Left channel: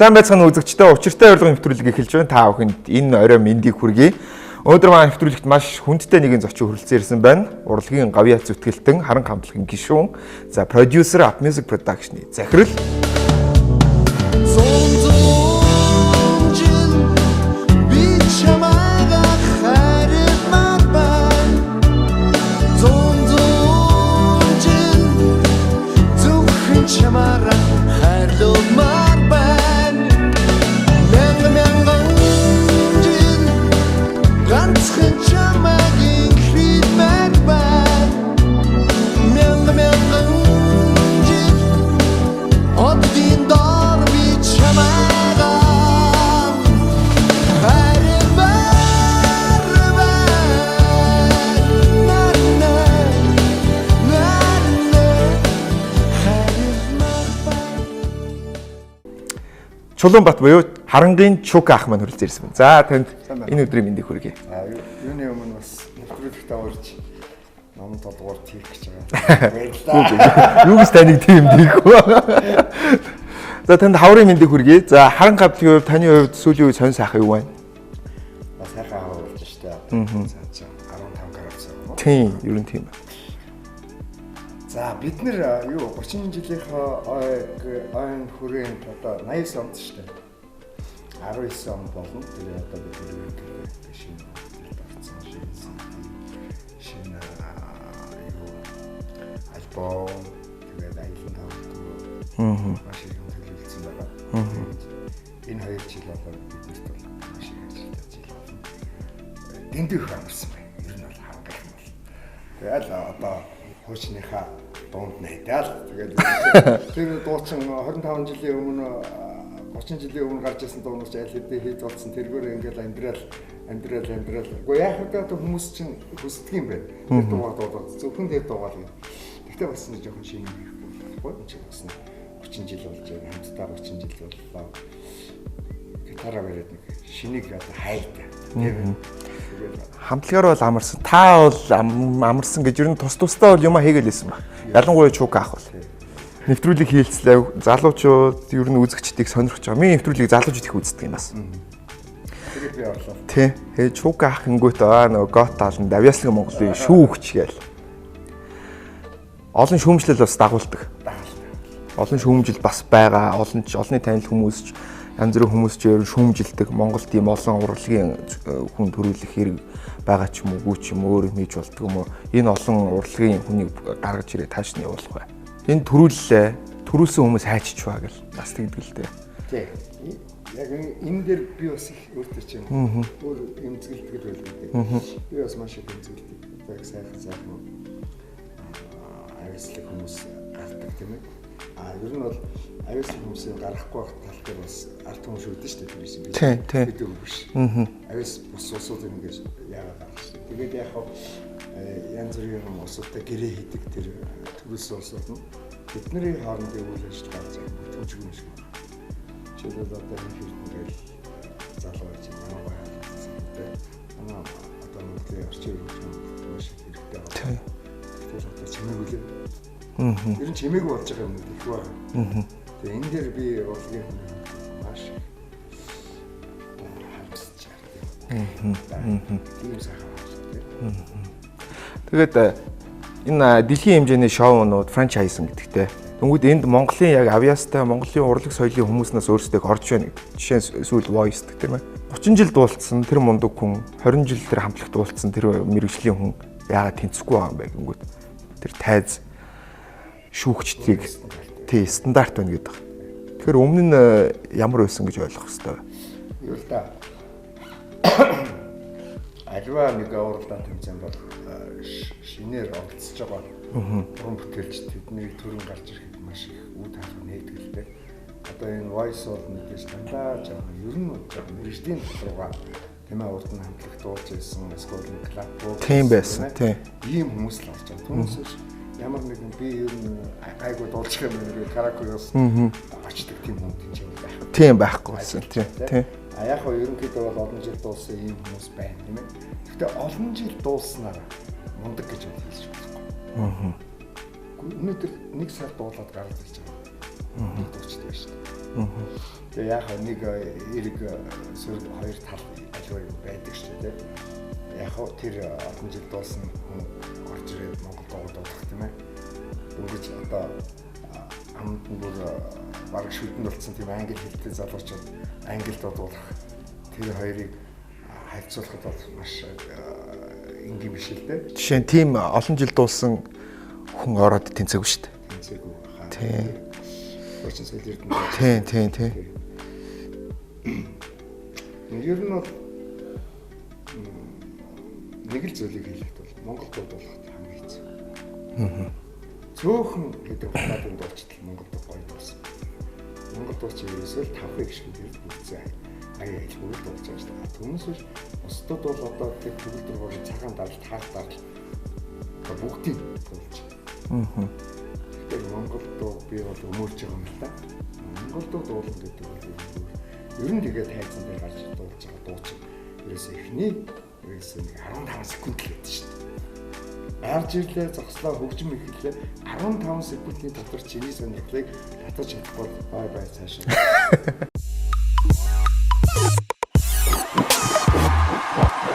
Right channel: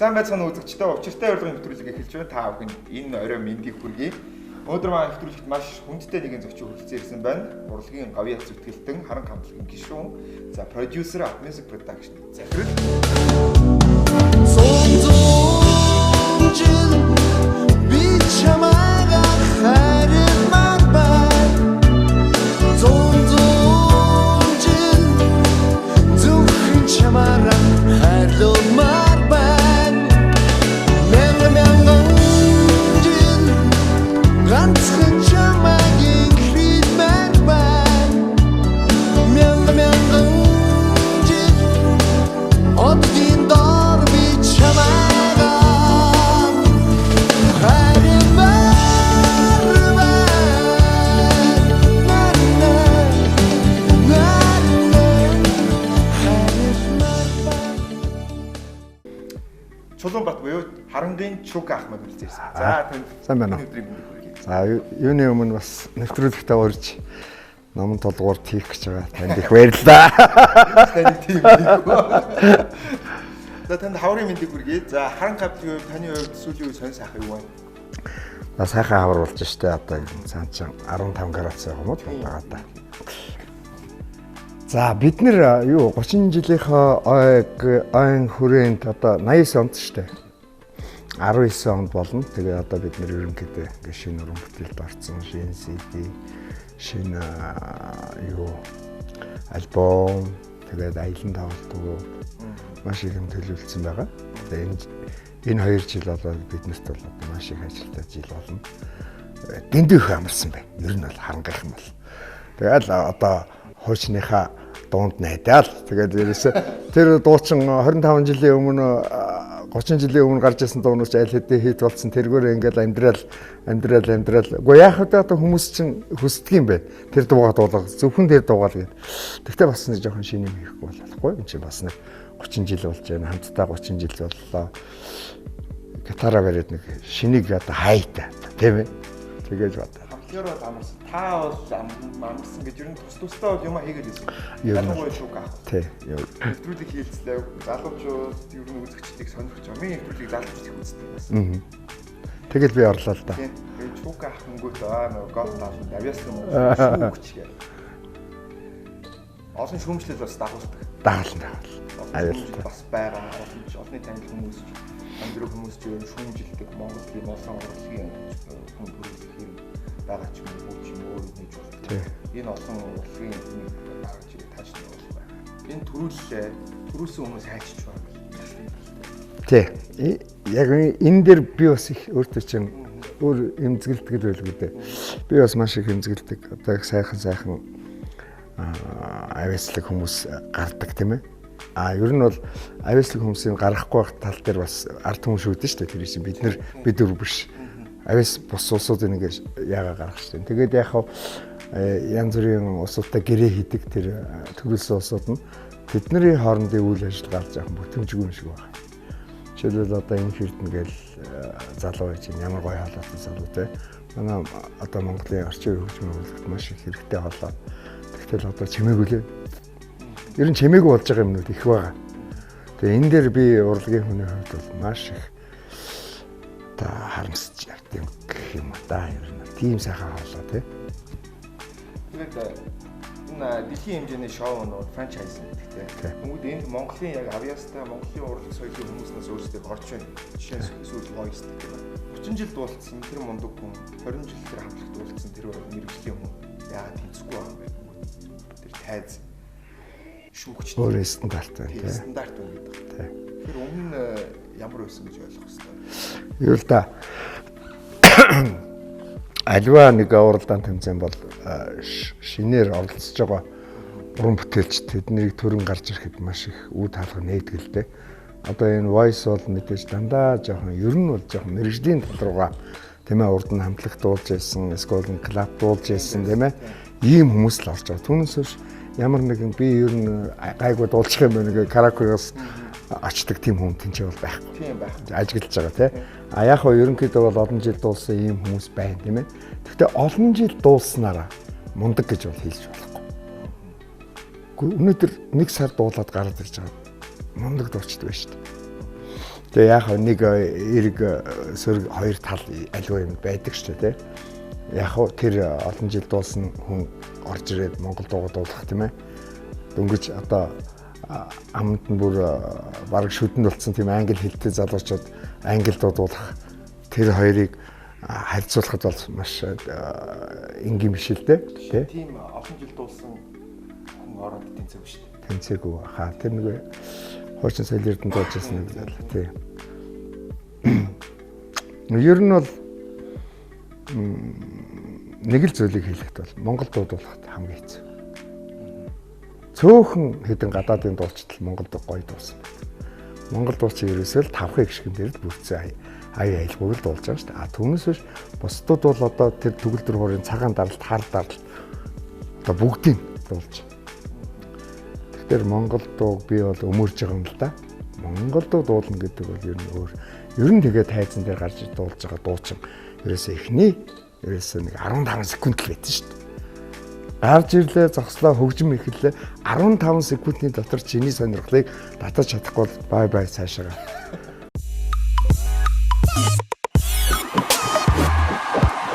Сайн байцгаана үзэгчдээ учиртай урилгын нэвтрүүлэг эхэлж байна. Та бүхэнд энэ орой мэндийг хүргэе. Өнөөдөр маань нэвтрүүлэгт маш хүндтэй нэгэн зочин хүрэлцэн ирсэн байна. Урлагийн гавьяа зүтгэлтэн Харанга хамтлагийн гишүүн. За продюсер Up Music Production-ы захирал Чулуунбат буюу Харангийн Чука ах маань хүрэлцэн ирсэн байна. За танд энэ өдрийн мэндийг хүргэе. За юуны өмнө бас нэвтрүүлэгтээ урьж номон толгуур хийх гэж байгаа. Баярлалаа. Юус таныг тийм хийхгүй. За танд хаврын мэндийг хүргэе. За Харанга хамтлагийн хувьд таны хувьд сүүлийн үе сонь сайхан юу байна? Сайхан хавар болж штэ одоо цаанчаа 15 градус байгаа юм уу? Тийм, ер нь тийм байна. За бид нэр юу 30 жилийнхаа ойн хүрээнд одоо 89 онд штэ 19 онд болно. Тэгээ одоо бид нэр ерөнхийдөө гишүүн уран бүтээлд орсон шинэ CD шинэ юу альбом тэгээд аялан тавтал маш их юм төлөвлөсөн байгаа. Энэ 2 жил болоод биднэрт бол одоо маш их ажилтаа жил болно. Дэндүүх амарсан байна. Ер нь бол харангаах юм бол. Тэгэл одоо хуучныхаа дунд найдаал. Тэгээд тэр дуучин 25 жилийн өмнө 30 жилийн өмнө гарч ирсэн дуунууч аль хэдийн хит болсон тэргээр ингээл амьдрал. Уу яах вэ одоо хүмүүс чинь хүсдэг юм бэ. Тэр дуугаа дуулах зөвхөн тэр дуугаал гээд. Тэгтээ бас нэг жоохон шинэ юм хийхгүй болохгүй. Энд чинь бас нэг 30 жил болж байна. Хамтдаа 30 жил боллоо. Гитараа бариад нэг шинийг одоо хайтай. Тийм. Тэгээд хамтлагаар бол амарсан. Та бол амарсан гэж ер нь тусдаа бол юма хийгээл байсан баг. Ялангуяа Чука ах бол. Нэвтрүүлэг хийлцлээ. Залуучууд ер нь үзэгчдийг сонирхож байгаа. Миний нэвтрүүлгийг залуучууд их үздэг юм бас. Тэгээд би орлоо л да. Тий. Тэгээд Чука ах гингүүт нөгөө гот таална Давьяаслаг Монголын шүүгч гээл. Олон шүүмжлэл бас дагуулдаг. Дагална. Олон шүүмжил бас байгаа. Олонний танил хүмүүс янз бүрийн хүмүүс ч ер нь шүүмжилдэг Монгол тийм олон урлагийн хүн төрүүлэх хэрэг байгаа ч юм уу, гүч юм өөр юм хийж болдгоо юм уу. Энэ олон урлагийн хүнийг гаргаж ирээ тааш нь явуулах бай. Энэ төрүүлсэн хүмүүс хайчиж байгаа гэл бас тэгдэг л дээ. Тий. Яг энэ дээр би бас их өөртөө чинь өөр эмзэгэлдэг байлгүй дээ. Би бас маш их эмзэгэлдэг. Одоо их сайхан авьяаслаг хүмүүс гардаг тийм ээ. Ер нь бол авьяаслаг хүмүүсийн гарахгүй байх тал дээр бас ард хүмүүс шүүдэн шүү дээ. Тэр чинь бид дөр биш. Авьяас бус улсуудын ингээд яага гаргах шүү дээ. Тэгээд яг янз бүрийн улсуудтай гэрээ хийдэг тэр төрөлсөн улсууд нь бидний хоорондын үйл ажиллагаа гарч байгаа бүтэмжгүй юм шиг байна. Жишээлбэл одоо энэ хэрдэнгээл залуу байж ямар гоё халуун залуу те. Манай одоо Монголын орчин үеийн хөгжмөд маш их хэрэгтэй болоо. Тэгтэл одоо чимээгүй лээ. Ер нь чимээгүй болж байгаа юмнууд их байгаа. Тэгээ энэ дээр би урлагийн хүний хувьд маш их та харамсаж юм да. Тийм сайхан болоо тий. Тэгээд энэ дэлхийн хэмжээний шоунууд франчайз гэдэгтэй. Тэнгүүд энд Монголын яг авьяастай Монголын урлаг соёлын хүмүүснээс өөрсдөө орж байна. Жишээ нь сүүл Voice гэх тийм ээ. 30 жил дуулсан тэр мундаг хүн 20 жил тэр хамтлаг дуулсан тэр мэрэгжлийн хүн яагаад тэнцэхгүй байгаа юм бэ гингүүд. Тэр тайз шүүгчдийг стандарт байна гэдэг. Тэгэхээр өмнө нь ямар байсан гэж ойлгох хэрэгтэй. Юу л да. Альва нэг уралдаан тэмцээн бол шинээр оролцож байгаа уран бүтээлч тэднийг төрөн гарч ирэхэд маш их үд хаалга нээдгэлтэй. Одоо энэ Voice бол мэдээж дандаа жоохон ер нь бол жоохон мэрэгжлийн доторгоо тийм ээ урд нь хамтлаг дуулж байсан, эсвэл клуб дуулж байсан тийм ээ. Ийм хүмүүс л орж байгаа. Түүнээс биш ямар нэгэн би ер нь гайгүй дуулчих юм байна гэх каракоос очдог тийм хүн тэнцээ бол байхгүй. Тийм байхгүй. Ажиглаж байгаа тийм. Яг хоо ерөнхийдөө бол олон жил дуулсан ийм хүмүүс байна тийм ээ. Гэхдээ олон жил дуулснараа мундаг гэж бол хэлж болохгүй. Өнөөдөр нэг сар дуулаад гараад ирж байгаа. Мундаг дуучдаг байна шүү дээ. Тэгээ яг нэг эрг сөрөг хоёр тал аливаа юм байдаг шүү дээ. Яг хөө тэр олон жил дуулсан хүн орж ирээд Монгол дуугаа дуулах тийм ээ. Дөнгөж одоо амт нь бүр бараг шүдэнд болсон тийм англи хэлтэй залуучууд англи дуулах тэр хоёрыг харьцуулахад бол маш энгийн биш л дээ. Жишээ нь тийм олон жил дуулсан хүн ороод тэнцээгүй шүү дээ. Тэнцээгүй хаа. Хуучин соёл эрдэнэ дуулж тийм. Ер нь бол нэг л зүйлийг хэлэхэд бол Монгол дуулахад хамгийн хэцүү. Цөөхөн хэдэн гадаадын дуулчдал Монголд гоё дуулсан. Монгол дуулчин ерөөсөө л 5 гишгэн дээр л бүрдсэн аяа айлгүйг л дуулж байгаа шүү дээ. Түүнээс биш бусдууд бол одоо тэр төгөл дөрвөрийн цагаан даралт, хар даралт одоо бүгдийг дуулж. Тэгэхээр Монгол дууг би бол өмөрж байгаа юм л да. Монгол дуу дуулна гэдэг бол ер нь тэгээд тайзан дээр гарч дуулж байгаа дуучин ерөөсөө эхний ерөөсөө нэг 15 секунд л байсан шүү дээ. Гарч ирлээ, зогслоо, хөгжим эхэллээ. 15 секундын дотор чиний сонирхлыг татаж чадахгүй бол бай цаашаа.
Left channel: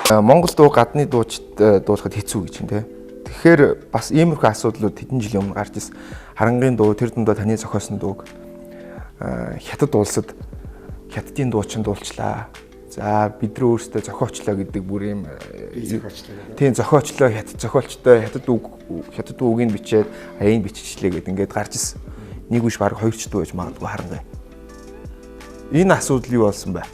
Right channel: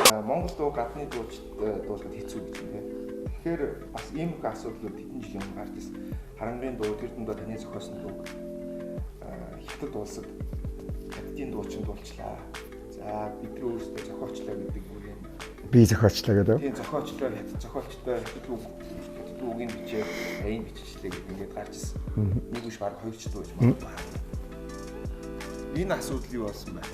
Монгол дуу гадны дуучид дуулахад хэцүү гэж юм те. Тэгэхээр бас иймэрхүү асуудлууд хэдэн жилийн өмнө гарч ирсэн. Харангийн дуу, тэр дундаа таны зохиосон дууг хятад улсад хятадын дуучин дуулчлаа. За бид нар өөрсдөө зохиочлоо гэдэг бүр юм би зохиочлоо гэдэг. Тийм зохиочлоо хятад зохиолчтой хятад үгийг бичээд аяыг биччихлээ гэдэг ингээд гарч ирсэн. Нэг үш баг 2 ч дуу байж магадгүй харангаа. Энэ асуудал юу болсон бэ?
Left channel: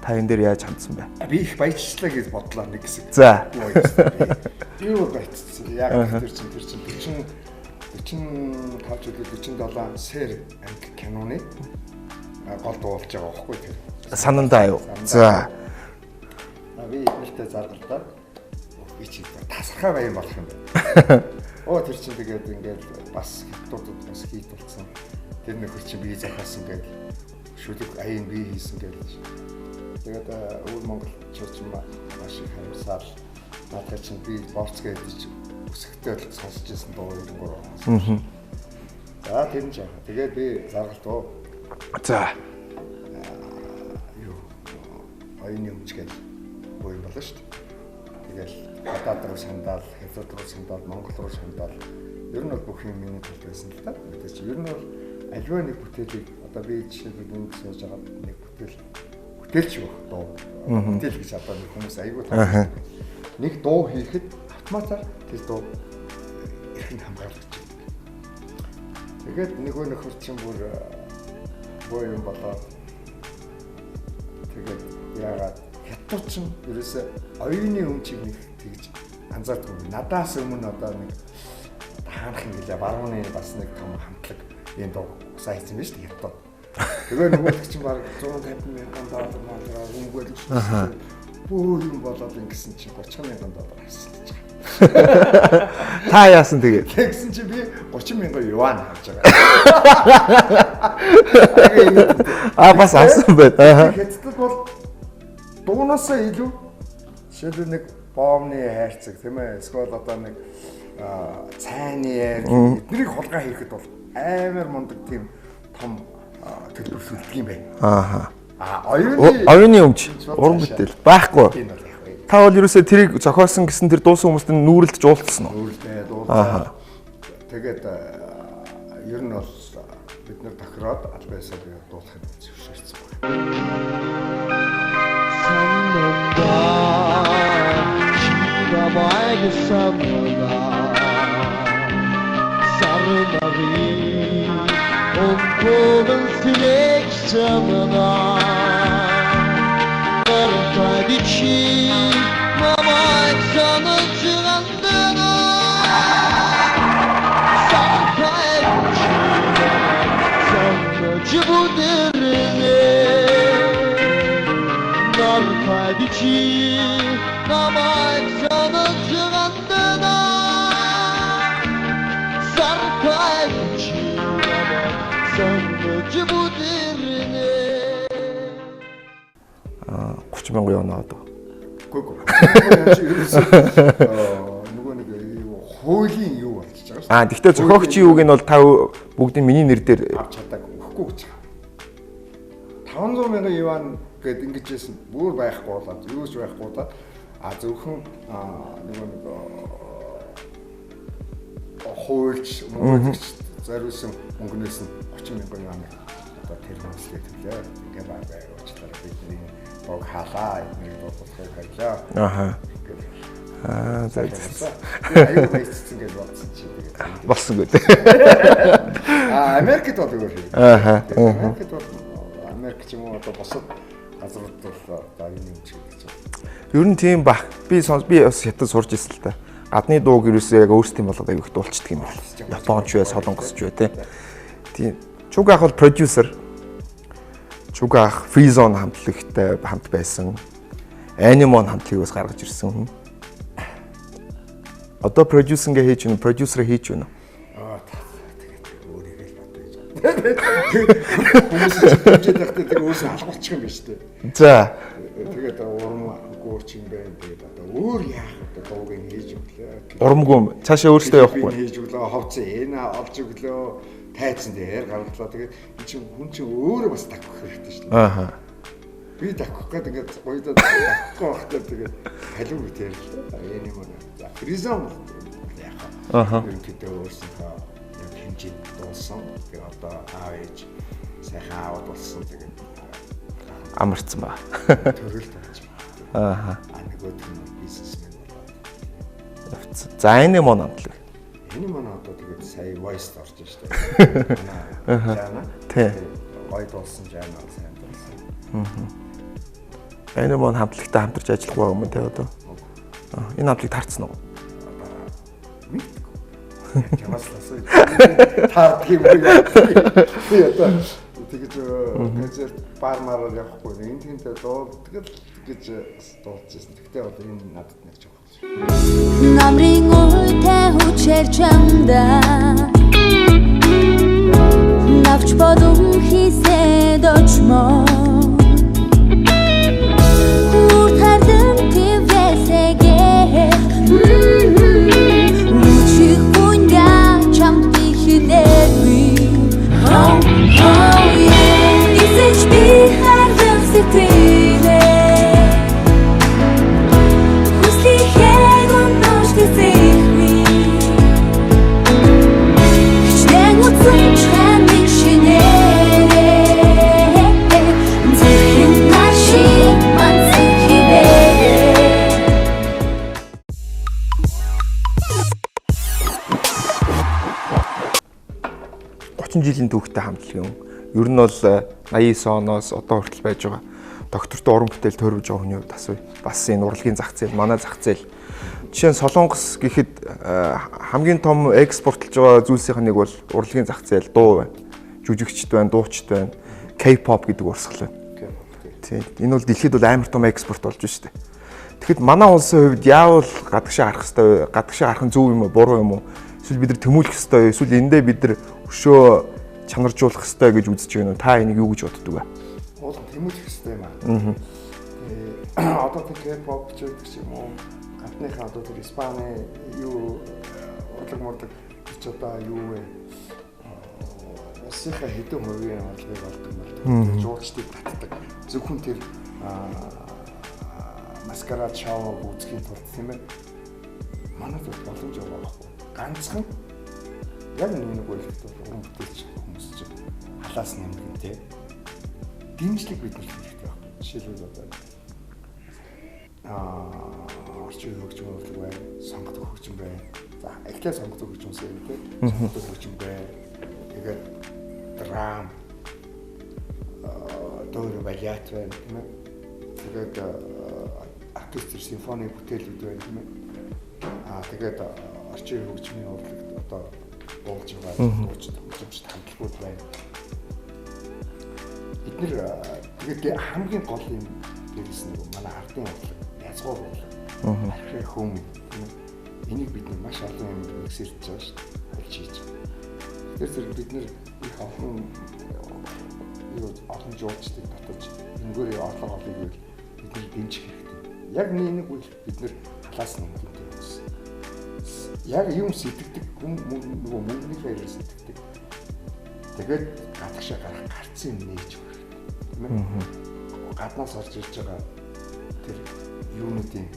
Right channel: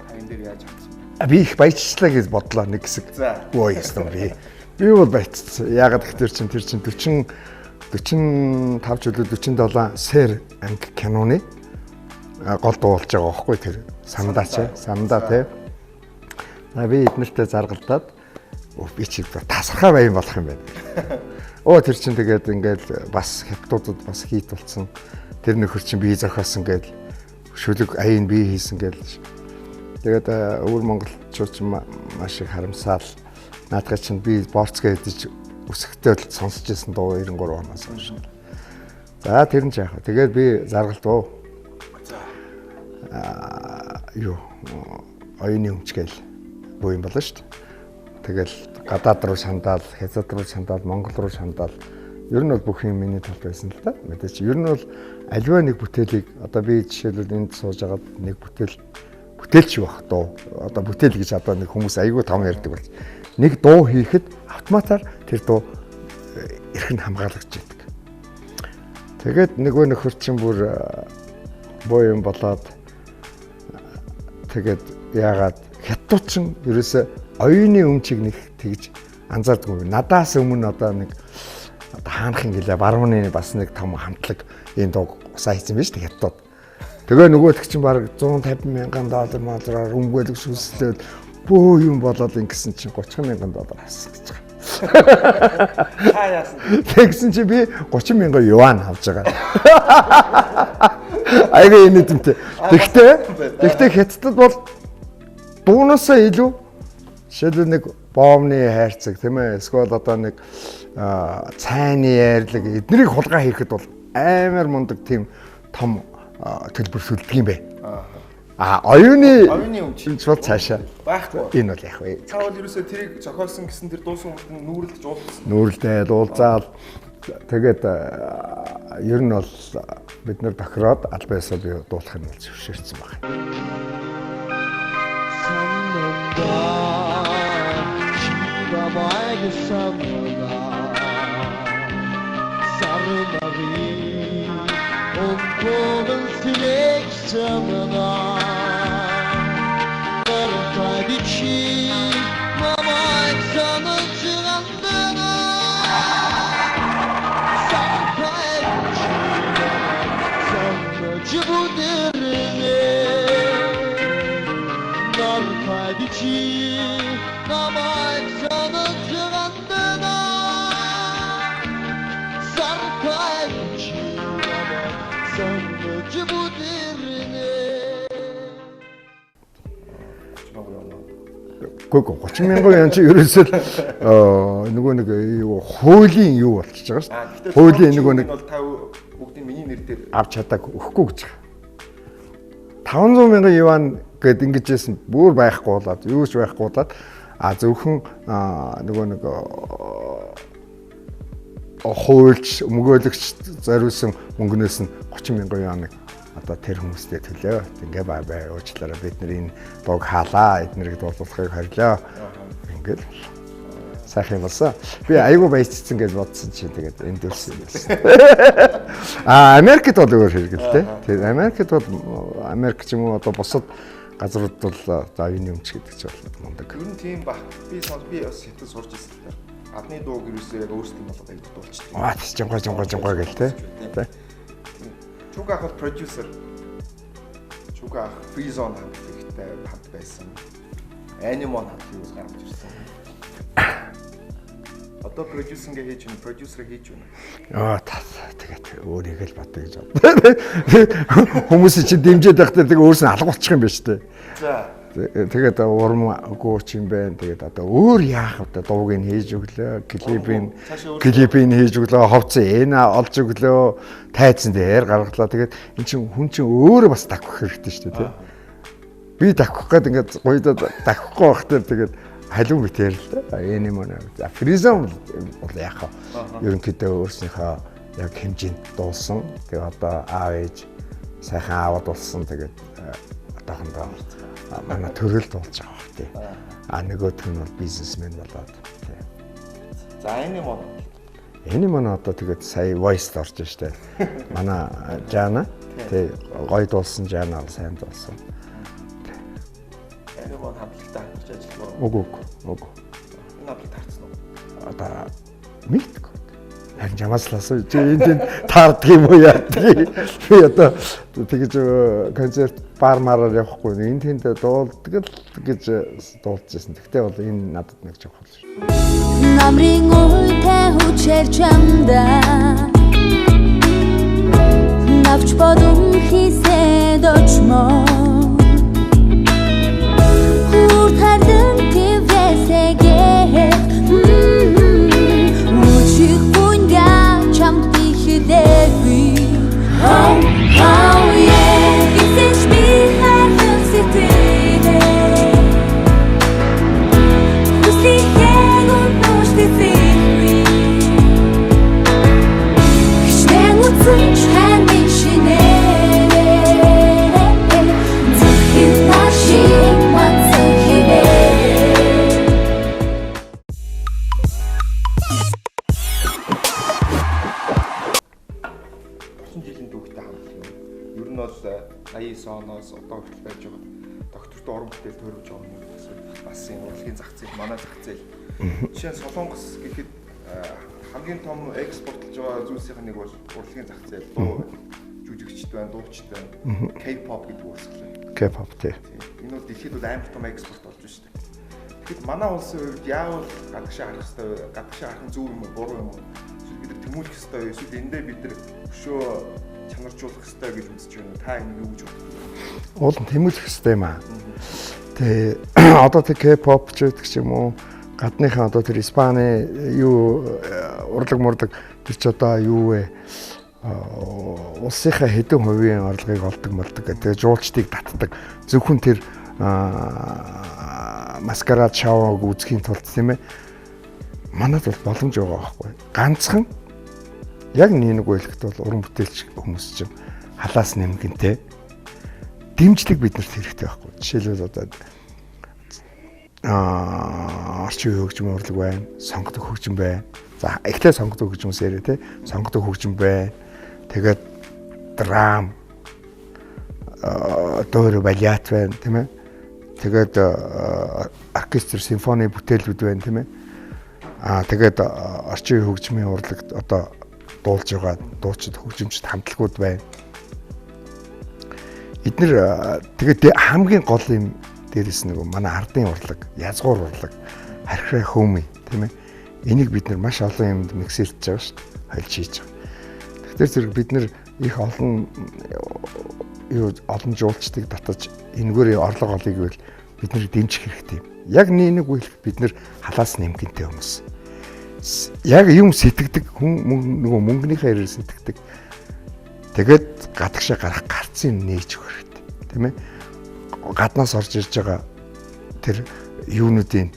Та энэ дээр яаж хандсан бэ? Би их баяжчлаа гэж бодлоо нэг хэсэг. За. Ой ёстой би юу бол баяжсан. Ягаад тэр чин 45 жилүү 47 сэр анги киноны гол дуулж байгаа байхгүй тэр. Санандаа юу? За. Би эднэртэй заргалдаад би чи тасархаа баян болох юм байна. Тэр чин тэгээд ингээд бас хятадууд бас хийд болсон. Тэр нөхөр чин бие зохиосон гээд шүлэг аяын бие хийсэн гээд. Тэгээд өвөр монголчууд маш их харамсаал. Наадах чин би борцгаа идэж өсөхтэй сонсож ирсэн дуу 93 оноос. За тэр нь ч яах вэ? Тэгээд би заргалдав. За. Оюуны өмчгөл буу юм болно шүү дээ. Тэгэл гадаад руу сандаал, хятад руу сандаал, Монгол руу сандаал. Ер нь бол бүх юм миний талд байсан л да. Мэдээч ер нь бол аливаа нэг бүтээлийг одоо би жишээлбэл энд сууж агаад нэг бүтээлч байх дуу. Одоо бүтээл гэж одоо нэг хүмүүс айгүй том ярьдаг байна. Нэг дуу хийхэд автоматар тэр дуу эрхэн хамгаалагдж байдаг. Тэгээд нөгөө нөхөр чинь бүр боо юм болоод тэгээд яагаад хятадууд чинь ерөөсөө оюуны өмчийг нэг тэгж анзаардгүй. Надаас өмнө одоо нэг хаанхын гэлээ барууны бас нэг том хамтлаг энэ дуу сайн хийсэн биз дээ хятадууд. Тэгээ нөгөөх чинь баг 150 мянган доллар молроор өмгөөлөг шүсдээд бөө юм болоод ингэсэн чинь 30 мянган доллар авсан гэж байгаа. Та яасан тэгээд? Тэгсэн чи би 30 мянган юан авч байгаа. Аяга энэ тэмтэй. Бас авсан байт. Тэгээд хятадд бол дуунасаа илүү жишээлбэл нэг боомны хайрцаг тийм ээ эсвэл одоо нэг цайны ярьлаг эднийг хулгай хийхэд бол амар мундаг тийм том төлбөр сүлдэг юм байна. Оюуны өмч байхгүй. Энэ бол яг вэ. Та бол ерөөсөө тэрийг зохиосон гэсэн тэр дуусан хүмүүст нүүрэлдэж уулзсан уу? Нүүрэлдээд уулзаад тэгээд ер нь бол бид нэр тохироод албан ёсоор дуулахын зөвшөөрсөн байна. Гүг 30 мянган янч ерөөсөө нөгөө нэг юу хуулийн юу болчихж байгаа шүү. Гэхдээ зохиогчийн үг нь бол та бүгдийн миний нэр дээр авч чадаагүй өгөхгүй гэж байгаа. 500 мянган юан гэд ингэж байсан бүр байхгүй болоод юу ч байхгүй болоод зөвхөн нөгөө нэг хуульч мөнгөлөгч зориулсан мөнгнөөс нь 30 мянган юаныг одоо тэр хүмүүстээ төлөө. Ингээ бай уучлаарай бид нар энэ дог хаалаа эднэрийг дуулуулахыг хорлоо. Ингээд сайхан болсон. Би аюу баяцсан гэж бодсон чи тэгээд энд болсон гэж. Америкт бол өөр хэрэглээ. Тэгээд Америкт бол Америк ч юм уу одоо бусад газрууд бол за энэ юмч гэдэг ч бол. Ер нь тийм баг. Би бас хятад сурж ирсэн л та. Гадны дууг ерөөсөө яг өөрсдийн болоод аюу их дуулцдаг юм. Солонгосч бай тээ. Тийм. Чуг ах бол продюсер. Чуг ах фризон хамтлагтай хамт байсан. Анимон хамтлагийг бас гаргаж ирсэн. Одоо продюсингээ хийж байна, продюсерээ хийж байна. Тэгээд өөрийгөө л бодё гэж байна. Хүмүүс чинь дэмжиж байхдаа тэгээд өөрөөсөө алгуулчих юм байна шүү дээ. За тэгээд урам гооч юм байна. Тэгээд одоо өөр яах вэ? Дууг нь хийж өглөө. Урамгүй цаашаа өөрсдөө клипийг хийж өглөө, ховцсон эна олж өглөө, тайцсан дээр гаргалаа. Тэгээд эн чинь хүн чинь өөрөө бас давхих хэрэгтэй шүү дээ. Би давхих гээд ингээд гоёдоо давхихгүй байхдаа тэгээд халуун битээр л дээ. Энэ юм аа. За фризон бол яах вэ? Ерөнхийдөө өөрснийхөө яг хэмжээнд дуулсан. Тэгээ одоо аав ээж сайхан аавд болсон. Тэгээд одоохон амарцсан ба. Төрөл дуулж байгаа тийм. Нөгөөх нь бол бизнесмен болоод. За энэ юм аа. Энэ маань одоо тэгээд сая voice орж штэ. Манай Жана тий гоё дуулсан Жана сайн дуулсан. Энэ маань хамтлагтай хамтарч ажиллах байгаа юм уу одоо? Энэ хамтлаг таарсан уу? Одоо мэдгүй. Чамаас л асуу. Энд таардаг юм яа. Би одоо тэгэж концерт бар мараар явахгүй. Энд тэнд дуулдаг л гэж дуулчихсан. Тэгтээ бол энэ надад нэг жоох бол. Намрын үйтэй хүчээр чамдаа навч бодон хийсэд очмоо хуртардан твэсэгэ мучих пунья чамд бихидэр би oh yeah this is me харлах сэтгэлээ хүслийхээ гонож тэсэхми хичнээн утсан чамиг шинээрээ зөвхөн машин жилийн түүхтэй хамтлаг юм. Ер нь бол 89 оноос одоо хүртэл байж байгаа. Доктортой уран бүтээл төрөвж байгаа хүний хувьд асуу. Бас энэ урлагийн зах зээл, манай зах зээл. Жишээ нь Солонгос гэхэд хамгийн том экспортлж байгаа зүйлсийнх нь нэг бол урлагийн зах зээл, дуу байна. Жүжигчд байна, дуучид байна. K-pop гэдэг урсгал байна. K-pop тий. Энэ бол дэлхийд бол амар том экспорт болж байна шүү дээ. Тэгэхэд манай улсын хувьд яавал гадагшаа харах хэвээр, гадагшаа харах нь зөв юм уу, буруу юм уу? Эсвэл бид нар тэмүүлэх хэвээр, эсвэл эндээ бид нар өшөө чанаржуулах хэвээр гэж үзэж байна уу? Та энийг юу гэж боддог вэ? Уул нь тэмүүлэх хэвээр юм аа. Тэгээ одоо тэр K-pop ч гэдэг ч юм уу, гадныхаа одоо тэр Испани юу урлаг тэр ч одоо юу вэ? Улсынхаа хэдэн хувийн орлогыг олдог гэдэг. Жуулчдыг татдаг. Зөвхөн тэр маскарад шоуг үзэхийн тулд тийм ээ. Манайд бол боломж байгаа байхгүй. Ганцхан яг нэг үйлчлэгт бол уран бүтээлч хүмүүс чинь халаас нэмгэнтэй дэмжлэг биднэрт хэрэгтэй байхгүй. Жишээлбэл одоо орчин үеийн хөгжим урлаг байна, сонгодог хөгжим байна. За эхлээ сонгодог хөгжмөөс яриа тий. Сонгодог хөгжим байна. Тэгээд драм дөөр балет байна тийм ээ. Тэгээд оркестр симфони бүтээлүүд байна тийм ээ. Тэгээд орчин үеийн хөгжмийн урлагт одоо дуулж байгаа дуучид хөгжимчд хамтлагууд байна. Эднэр тэгээд хамгийн гол юм дээрээс нэг манай ардын урлаг, язгуур урлаг, архираа хөөмий тийм ээ. Энийг бид нар маш олон юмд миксэлж байгаа шүү дээ. Хайлж хийж байгаа. Тэгэхээр зэрэг бид нар их олон жуулчдыг татаж энэгээр орлого олъё гэвэл бид нар дэмжих хэрэгтэй. Яг нэг үйл бид нар халаас нэмгэнтэй хүмүүс. Яг юм сэтгэдэг хүн нөгөө мөнгөнийхөө ярээр сэтгэдэг. Тэгээд гадагшаа гарах гарцын нээж өгөх хэрэгтэй. тийм ээ. Гаднаас орж ирж байгаа тэр юунуудын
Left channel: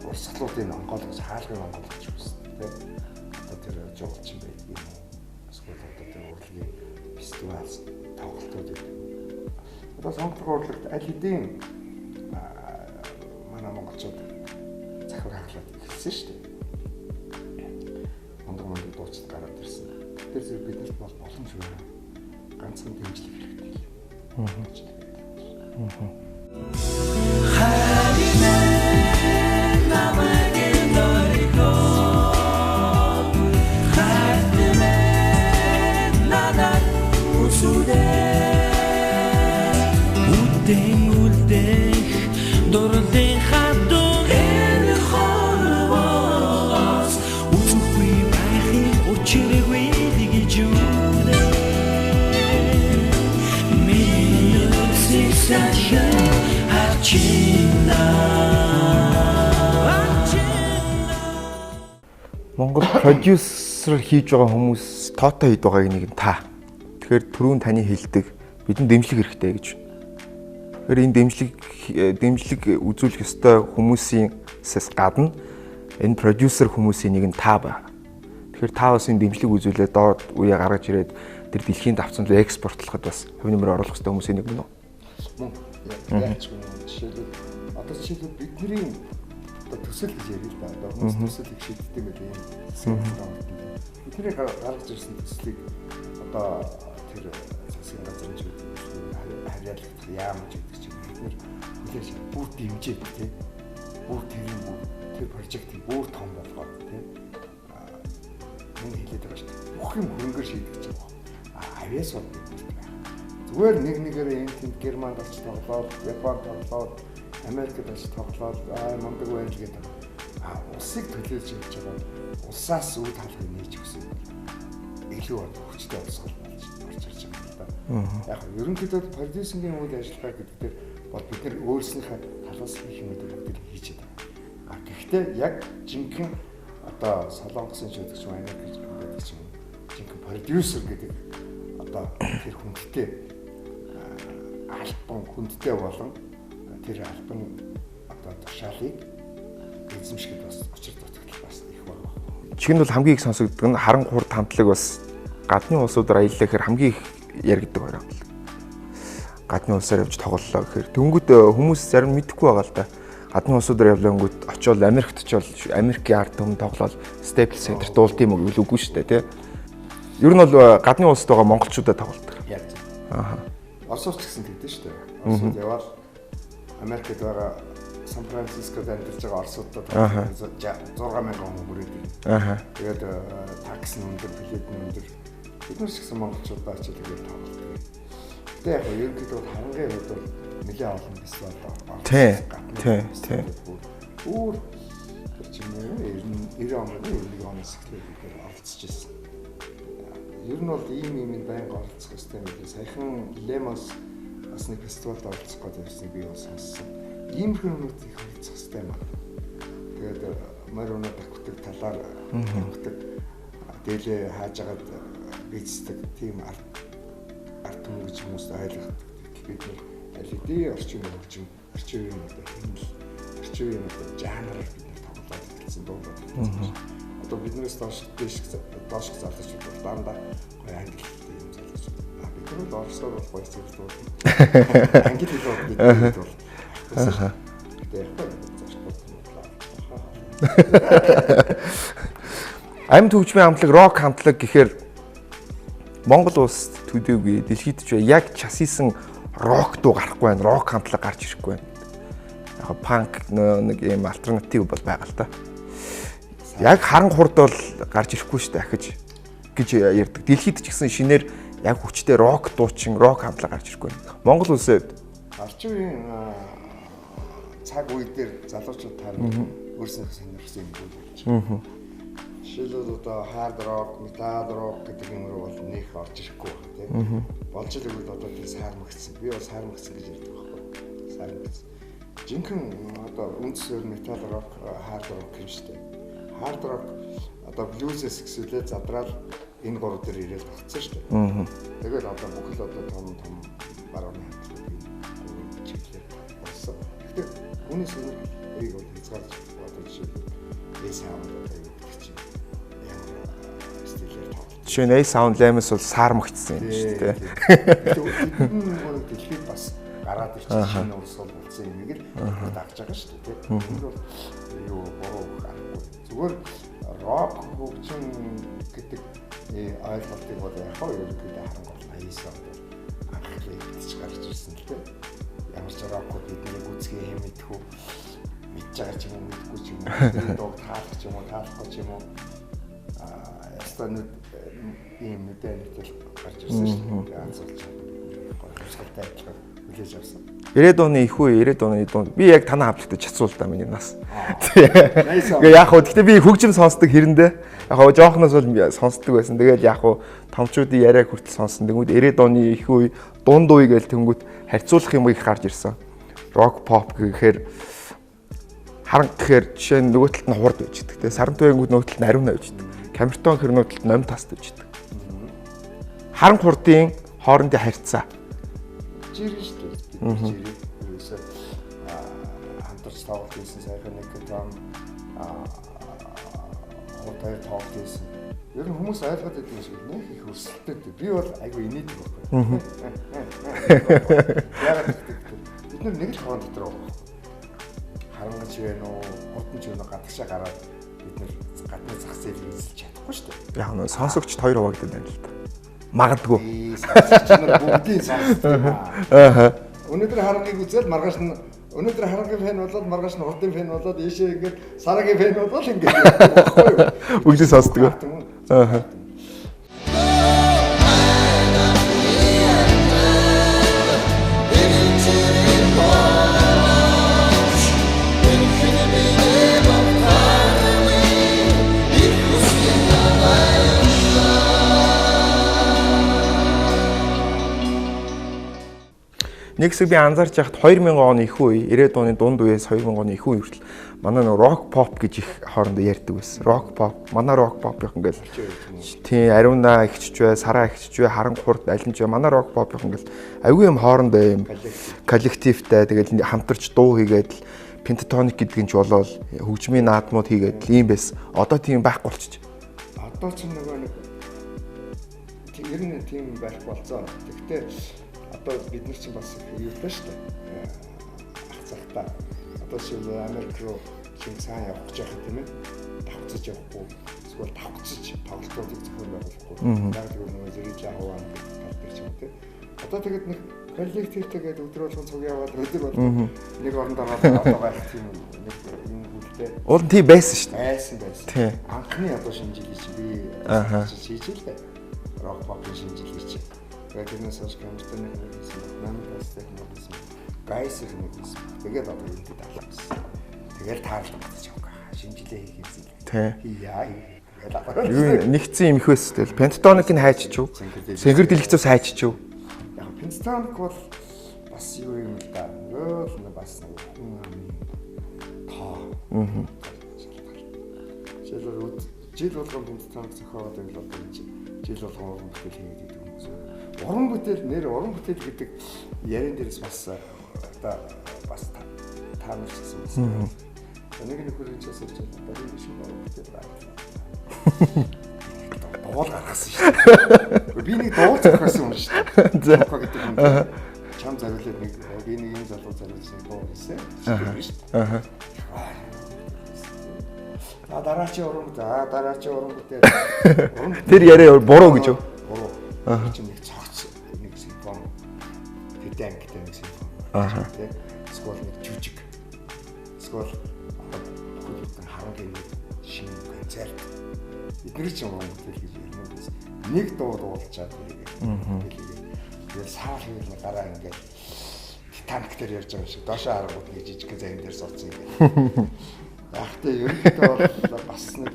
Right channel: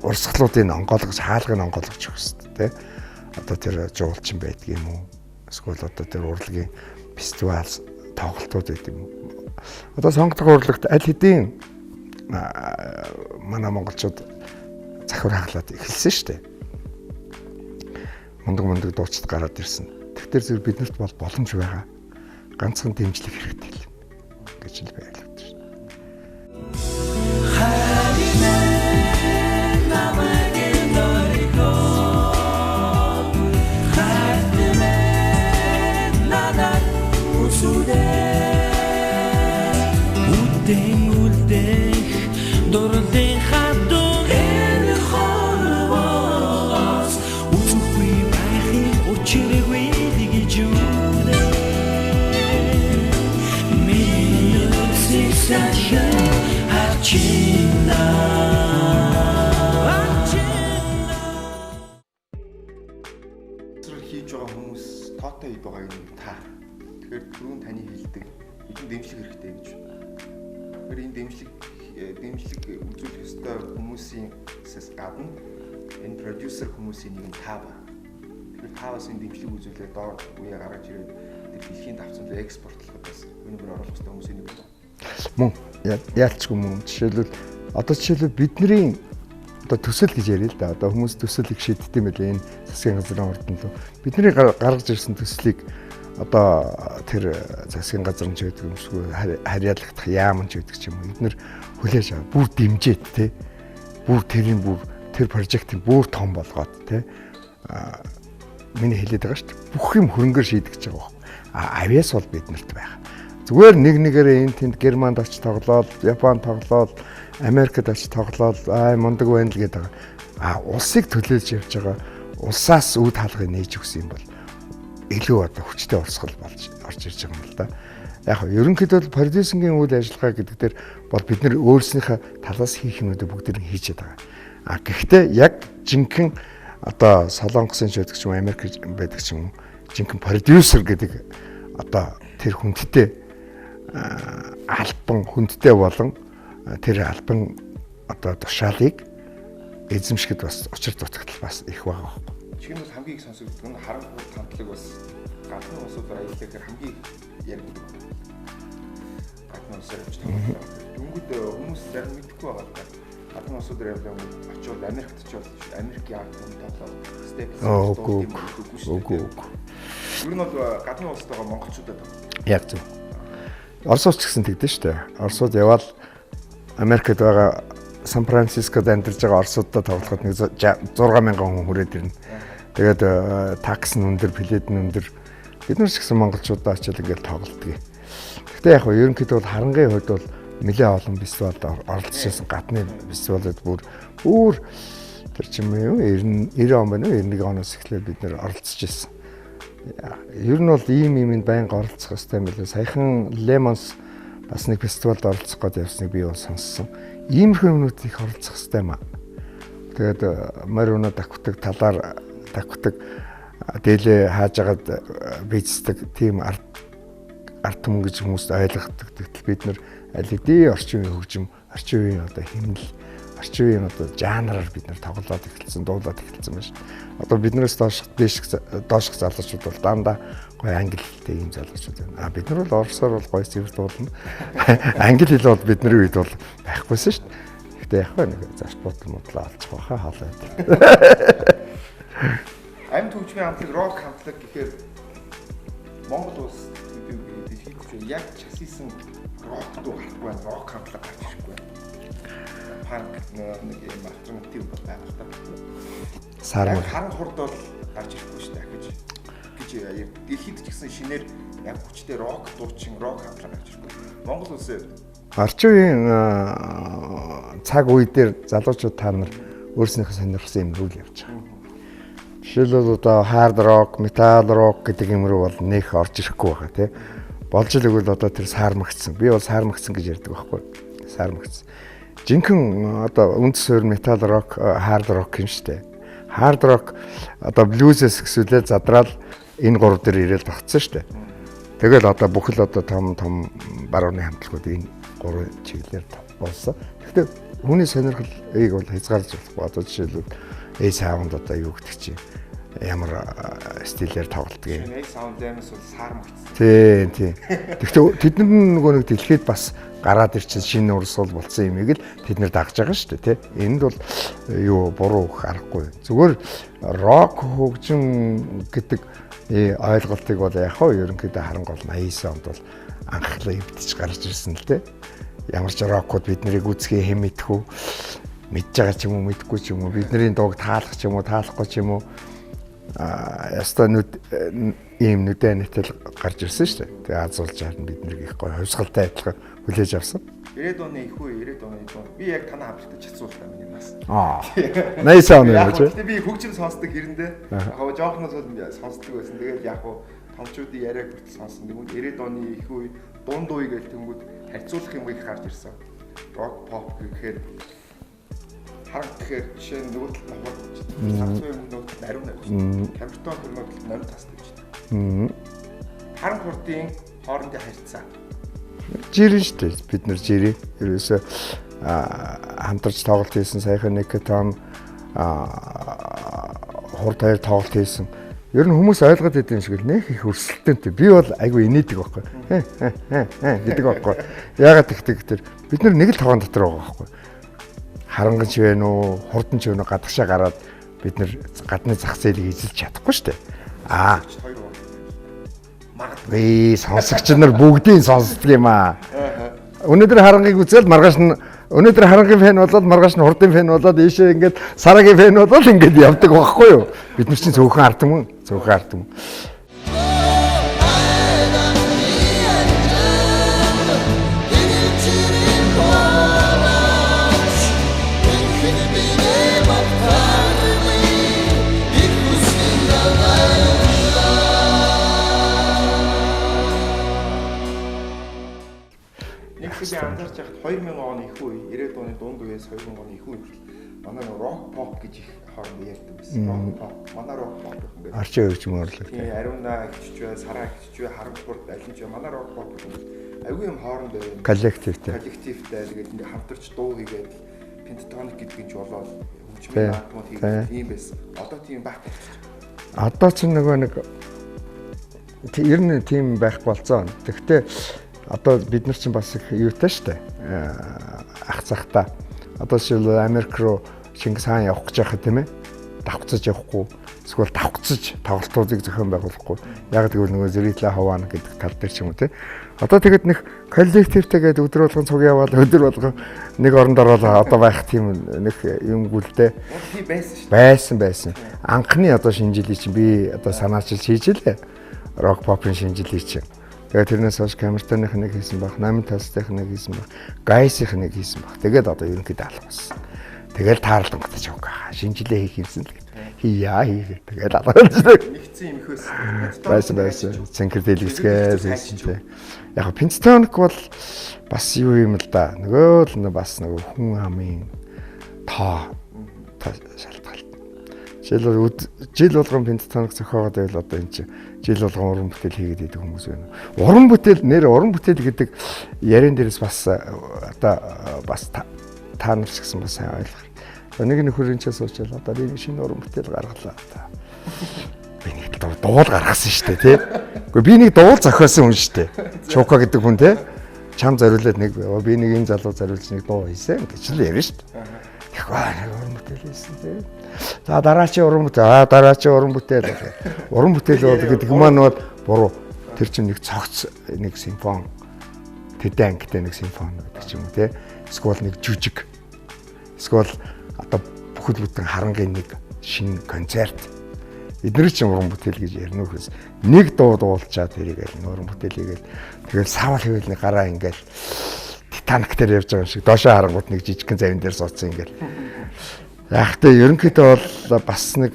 урсгалуудыг онгойлгож хаалгыг онгойлгож өгөх хэрэгтэй тийм. Одоо тэр жуулчин байдаг юм уу? Эсвэл одоо тэр урлагийн фестивал тоглолтууд байдаг юм. Одоо сонгодог урлагт аль хэдийн манай монголчууд захир хаглаад эхэлсэн шүү дээ. Мундаг дуучид гараад ирсэн. Тэгэхээр зөв биднэрт бол боломж байгаа. Ганцхан дэмжлэг хэрэгтэй гэж л байлгаж байна. Монгол продюсер хийж байгаа хүмүүс тоотой хэд байгааг нэг нь та. Тэгэхээр түрүүн таны хэлдэг бидэнд дэмжлэг хэрэгтэй гэж. Тэгэхээр энэ дэмжлэг үзүүлэх ёстой хүмүүсээс гадна энэ продюсер хүмүүсийн нэг нь та байна. Тэгэхээр та бас энэ дэмжлэг үзүүлээд доод үе гаргаж ирээд тэр дэлхийн давцанд экспортлоход бас хувь нэмрээ оруулах ёстой хүмүүсийн нэг нь. Мөн яалчгүй мөн. Жишээлбэл бидний одоо төсөл гэж яриа л да. Одоо хүмүүс төсөлийг шийддэг юм байлээ энэ засгийн газрын урд нь. Бидний гаргаж ирсэн төслийг одоо тэр засгийн газрын ч гэдэг юм шиг харьяалагдах яаман ч гэдэг ч юм. Эднэр хүлээж аваа. Бүр дэмжээд те. Бүр тэр прожектыг бүр том болгоод те. Миний хэлээд байгаа шүү дээ. Бүх юм хөрөнгөөр шийдэж байгаа. Авиас бол биднэрт байгаа. Зүгээр нэгээрээ энэ тэнд Германд очиж тоглоод, Японд тоглоод, Америкт очиж тоглоод мундаг байна л гэдэг. Улсыг төлөөлж явж байгаа улсаас үд хаалгыг нээж өгсөн юм бол илүү одоо хүчтэй урсгал болж орж ирж байгаа юм л да. Яг нь ерөнхийдөө продюсингийн үйл ажиллагаа гэдэг дээр бол бид нэр өөрснийхөө талаас хийх юмнуудыг бүгдийг хийчихэд байгаа. Гэхдээ яг жинхэнэ одоо Солонгосын ч байдаг ч юм Америк байдаг ч юм жинхэнэ продюсер гэдэг одоо тэр хүндтэй альбан хүндтэй болон тэр альбан одоо тушаалыг эзэмшгэд бас учир дутагдал бас их байгаа. Чихэнд бол хамгийн их сонсогддог нь Харанга хурд хамтлаг бас гадны улсуудаар аяллаа гэхээр хамгийн их яригддаг байна. Гадны улсаар явж тоглолоо гэхээр дөнгөд хүмүүс зарим мэдэхгүй байгаа л да. Гадны улсуудаар явлаангууд очиод Америкт очиод Америкийн ард түмэн тоглоод Staples Center дуулт юм уу үгүй шүү дээ тий. Ер нь бол гадны улсад байгаа монголчуудаа тоглолдог. Яг зөв. Оросч гэсэн тэгдэж шүү дээ. Оросууд яваад Америкт байгаа Сан Францискод амьдарч байгаа орсуудтай тоглоход 60000 хүн хүрээд ирнэ. Тэгээд такс нь өндөр, билет нь өндөр. Бид нар ч гэсэн монголчуудаа очиад ингээд тоглолтгий. Гэхдээ яг нь ерөнхийдөө бол Харангийн хувьд бол нэлээд олон фестивалд оролцсон. Гадны фестивалд бүр тэр чим юу 90 он байна уу 91 оноос эхлээд бид нар оролцож ирсэн. Ер нь бол ийм юмд байнга оролцох хэрэгтэй юм билээ. Саяхан Лемонс бас нэг фестивалд оролцох гээд явсныг би бол сонссон. Иймэрхүү юмнууд их оролцох хэрэгтэй юм аа. Тэгээд морь өнөө давхдаг талаар давхдаг дээлээ хааж агаад бийцдэг тийм ард түмэн гэж хүмүүст ойлгохдаг. Тэгтэл бид нар аль хэдийн орчин үеийн хөгжим, орчин үеийн одоо хэмнэл, орчин үеийн одоо жанраар бид нар тоглоод эхэлсэн, дуулаад эхэлсэн байна. Одоо биднээс доошх залуучууд бол дандаа гоё англи хэлтэй юм залуучууд байна. Бид нар бол орсоор бол гоё сэвэр дуулна. Англи хэл бол бидний үед бол байхгүйсэн шүү. Гэтэ яг нэг зарчмууд модлоо алцах баха хаалаа. Амьд хөгжмийн хамтлаг, рок хамтлаг гэхээр Монгол улс төдийгүй дэлхийд ч яг часисан рок дуу гарахгүй байна. Рок хамтлаг гарч ирэхгүй байна. Яг панк нэг юм альтернатив бол байгаа л та. Яг Харанга хурд бол гарч ирэхгүй шүү дээ ахиж гэж ярьдаг. Дэлхийд ч гэсэн шинээр яг хүчтэй рок дуучин, рок хамтлаг гарч ирэхгүй байна. Монгол улсад орчин үеийн цаг үе дээр залуучууд та нар өөрсдийнхөө сонирхсан юм рүү явж байгаа. Жишээлбэл одоо хард рок, метал рок гэдэг юм руу бол нэх орж ирэхгүй байгаа тий. Болж л өгвөл одоо тэр саармагцсан. Би бол саармагцсан гэж ярьдаг байхгүй. Саармагцсан. Жинхэнэ одоо үндэс суурь метал рок, хард рок юм шүү дээ. Хард рок одоо блюзээс эхсүүлээд задраал энэ 3 дээр ирээл багцсан шүү дээ. Тэгэл одоо бүхэл одоо том барууны хамтлагууд энэ 3 чиглэлээр болсон. Гэхдээ хүний сонирхлыг бол хязгаарч болохгүй. Одоо жишээлбэл A sound одоо юу гэдэг чинь ямар стилээр тоглолт гэх. Жишээ нь A sound Lamens бол сар мөгцсөн. Тийм. Тэгэхдээ тэд нөгөө нэг дэлхийд бас гараад ирсэн шинэ урсгал болсон юмыг л бид нэр дагж байгаа шүү дээ, тийм. Энд бол юу буруу аргагүй. Зүгээр рок хөгжим гэдэг ойлголтыг бол яг хоо ерөнхийдөө харанга бол 89 онд бол анхлаа эвдэж гарч ирсэн л тийм. Ямар ч рокууд бид нарыг үзхээ хэм мэдхүү мэдж байгаа ч юм уу мэдгүй ч юм уу бидний дууг таалах ч юм уу таалахгүй ч юм уу яста ийм нүдэн нэтэл гарч ирсэн шүү дээ. Тэгээ азуулж харна бид нарыг их гоё хувьсгалтай адилхан хүлээж авсан. 90-ад оны их үе 90-ад оны дунд би яг танаа хамтлагт чацуул та миний нас. 80 он. Яг хөө гэхдээ би хөгжим сонсдог хэрэндээ яг хөө жоохноос бол сонсдог байсан. Тэгээд яг хөө томчуудын яриаг хүртэл сонсон. Тэгмүүд 90-ад оны их үе дунд үе гээл тэнгүүд харьцуулах юм их гарч ирсэн. Рок pop гэхээр харанга гэхээр жишээ нь нөгөө талд нь хурд байж байгаа. Тэгээд сарантуйнгууд нөгөө талд нь ариун байж байгаа. Камертон хэр нөгөө талд номь таст байж байгаа. Харанга хурдын хоорондын харьцаа жирэн шүү дээ. Бид нар жирээ. Ерөөсөө хамтарч тоглолт хийсэн саяхан нэг том хурд хоёр тоглолт хийсэн. Ер нь хүмүүс ойлгоод идэв шиг л нэх их өрсөлдөөнтэй. Би бол айгүй инээдэг байхгүй. Гэдэг байхгүй. Яагаад гэхээр бид нар нэг л тоон дотор байгаа байхгүй. Харанга ч вэ нүү, хурдан ч вэ нүү гадагшаа гараад бид нар гадны зах зээлийг эзэлж чадахгүй шүү дээ. Яг нь сонсогчд 2 хуваагдсан байна л да. Магадгүй. Сонсогч нар бүгдийг сонсдог юм аа. Өнөөдөр харангийг үзэл маргааш нь өнөөдөр харангийн фэн болоод маргааш нь хурдын фэн болоод ийшээ ингээд сарагийн фэн болоод ингээд явдаг байхгүй юу? Бид зөвхөн ард юм. Зөвхөн ард юм. Нэг хэсэг би анзаарч байхад 2000 оны их үе, 90-ад оны дунд үеэс 2000 оны их үе хүртэл манай нэг рок pop гэж их хоорондоо ярьдаг байсан. Рок pop, манай рок pop их ингээд арчин хөгжим орлоо. Тийм, ариуна ихчж бай, сараа ихчж бай, харанга хурд алинж бай. Манай рок pop их ингээд аюу юм хоорондоо юм коллективтэй тэгэл хамтарч дуу хийгээд пентатоник гэдэг нь ч болол хөгжмийн наадмууд хийгээд ийм байсан. Одоо тийм байхгүй болчих. Одоо ч нөгөө нэг ер нь тийм байхгүй болцоо. Тэгэхдээ одоо бид нар чинь бас их юутай штэ ах цахта одоо жишээл Америк руу Чингис хаан явах гэж байхад тийм ээ давхцаж явахгүй эсвэл давхцаж тоглолтуудыг зохион байгуулахгүй яг тэгвэл нөгөө зэрэглээ хаваана гэдэг тал дээр ч юм уу тийм одоо тэгэд нэг коллективтэйгээд өдөр болгон цуг яваад өдөр болгон нэг оронд ороод одоо байх тийм нэг юм гүлдээ уул тийм байсан шүү байсан анхны одоо шинжилгээ чинь би одоо санаачилж хийж лээ рок попын шинжилгээ чинь тэгээд тэрнээс хойш камертоных нэг хийсэн баг, 8 тастных нэг хийсэн баг, гайсных нэг хийсэн баг. Тэгээд одоо ерөнхийдөө алга болсон. Тэгэл таарлан гатаж явгаа. Шинжилгээ хийх юмсан л гэдэг. Хийя. Тэгээд алга. Нэгцэн юм их байсан. Пентатоник нь хайчиж юу? Цэнхэр дэлгэцээс хайчиж юу? Яг пентатоник бол бас юу юм л да. Нөгөө л бас нөгөө хүн амын тоо шалтгаалт. Жил болгон пентатоник зохиогоод байвал одоо энэ чинь жил болгон уран бүтээл хийгээд идэг хүмүүс байна. Уран бүтээл гэдэг ярен дээрээс бас одоо бас та нар ч гэсэн бас ойлгох. Нэг нөхөрийн ч суучаал одоо би шинэ уран бүтээл гаргалаа. Би нэг дуул гаргасан шүү дээ тий. Гэхдээ би нэг дуул зохиосон хүн шүү дээ. Чука гэдэг хүн тий. Чам зориулаад нэг би нэг энэ залуу зориулж нэг дуу хийсэн гэж ярьж шүү дээ. Тэгэхээр уран бүтээл хийсэн тий. За дараачийн уран бүтээл. Уран бүтээл яриа буруу. Тэр чинь нэг цогц нэг симфон. Тэдэн ангитай нэг симфон тий. Эсвэл нэг жүжиг. Эсвэл одоо бүхэл бүтэн харангийн нэг шинэ концерт. Эдгээр чинь уран бүтээл гэж ярина үхээс. Нэг дуу дуулчаад тэрийгээл уран бүтээл хийгээл тэгэл савал хэвэл нэг гараа ингээл Титаник дээр явж байгаа шиг доошоо харангууд нэг жижигхэн завин дээр суудсан ингээл. Яг тэ ерөнхийдөө бол бас нэг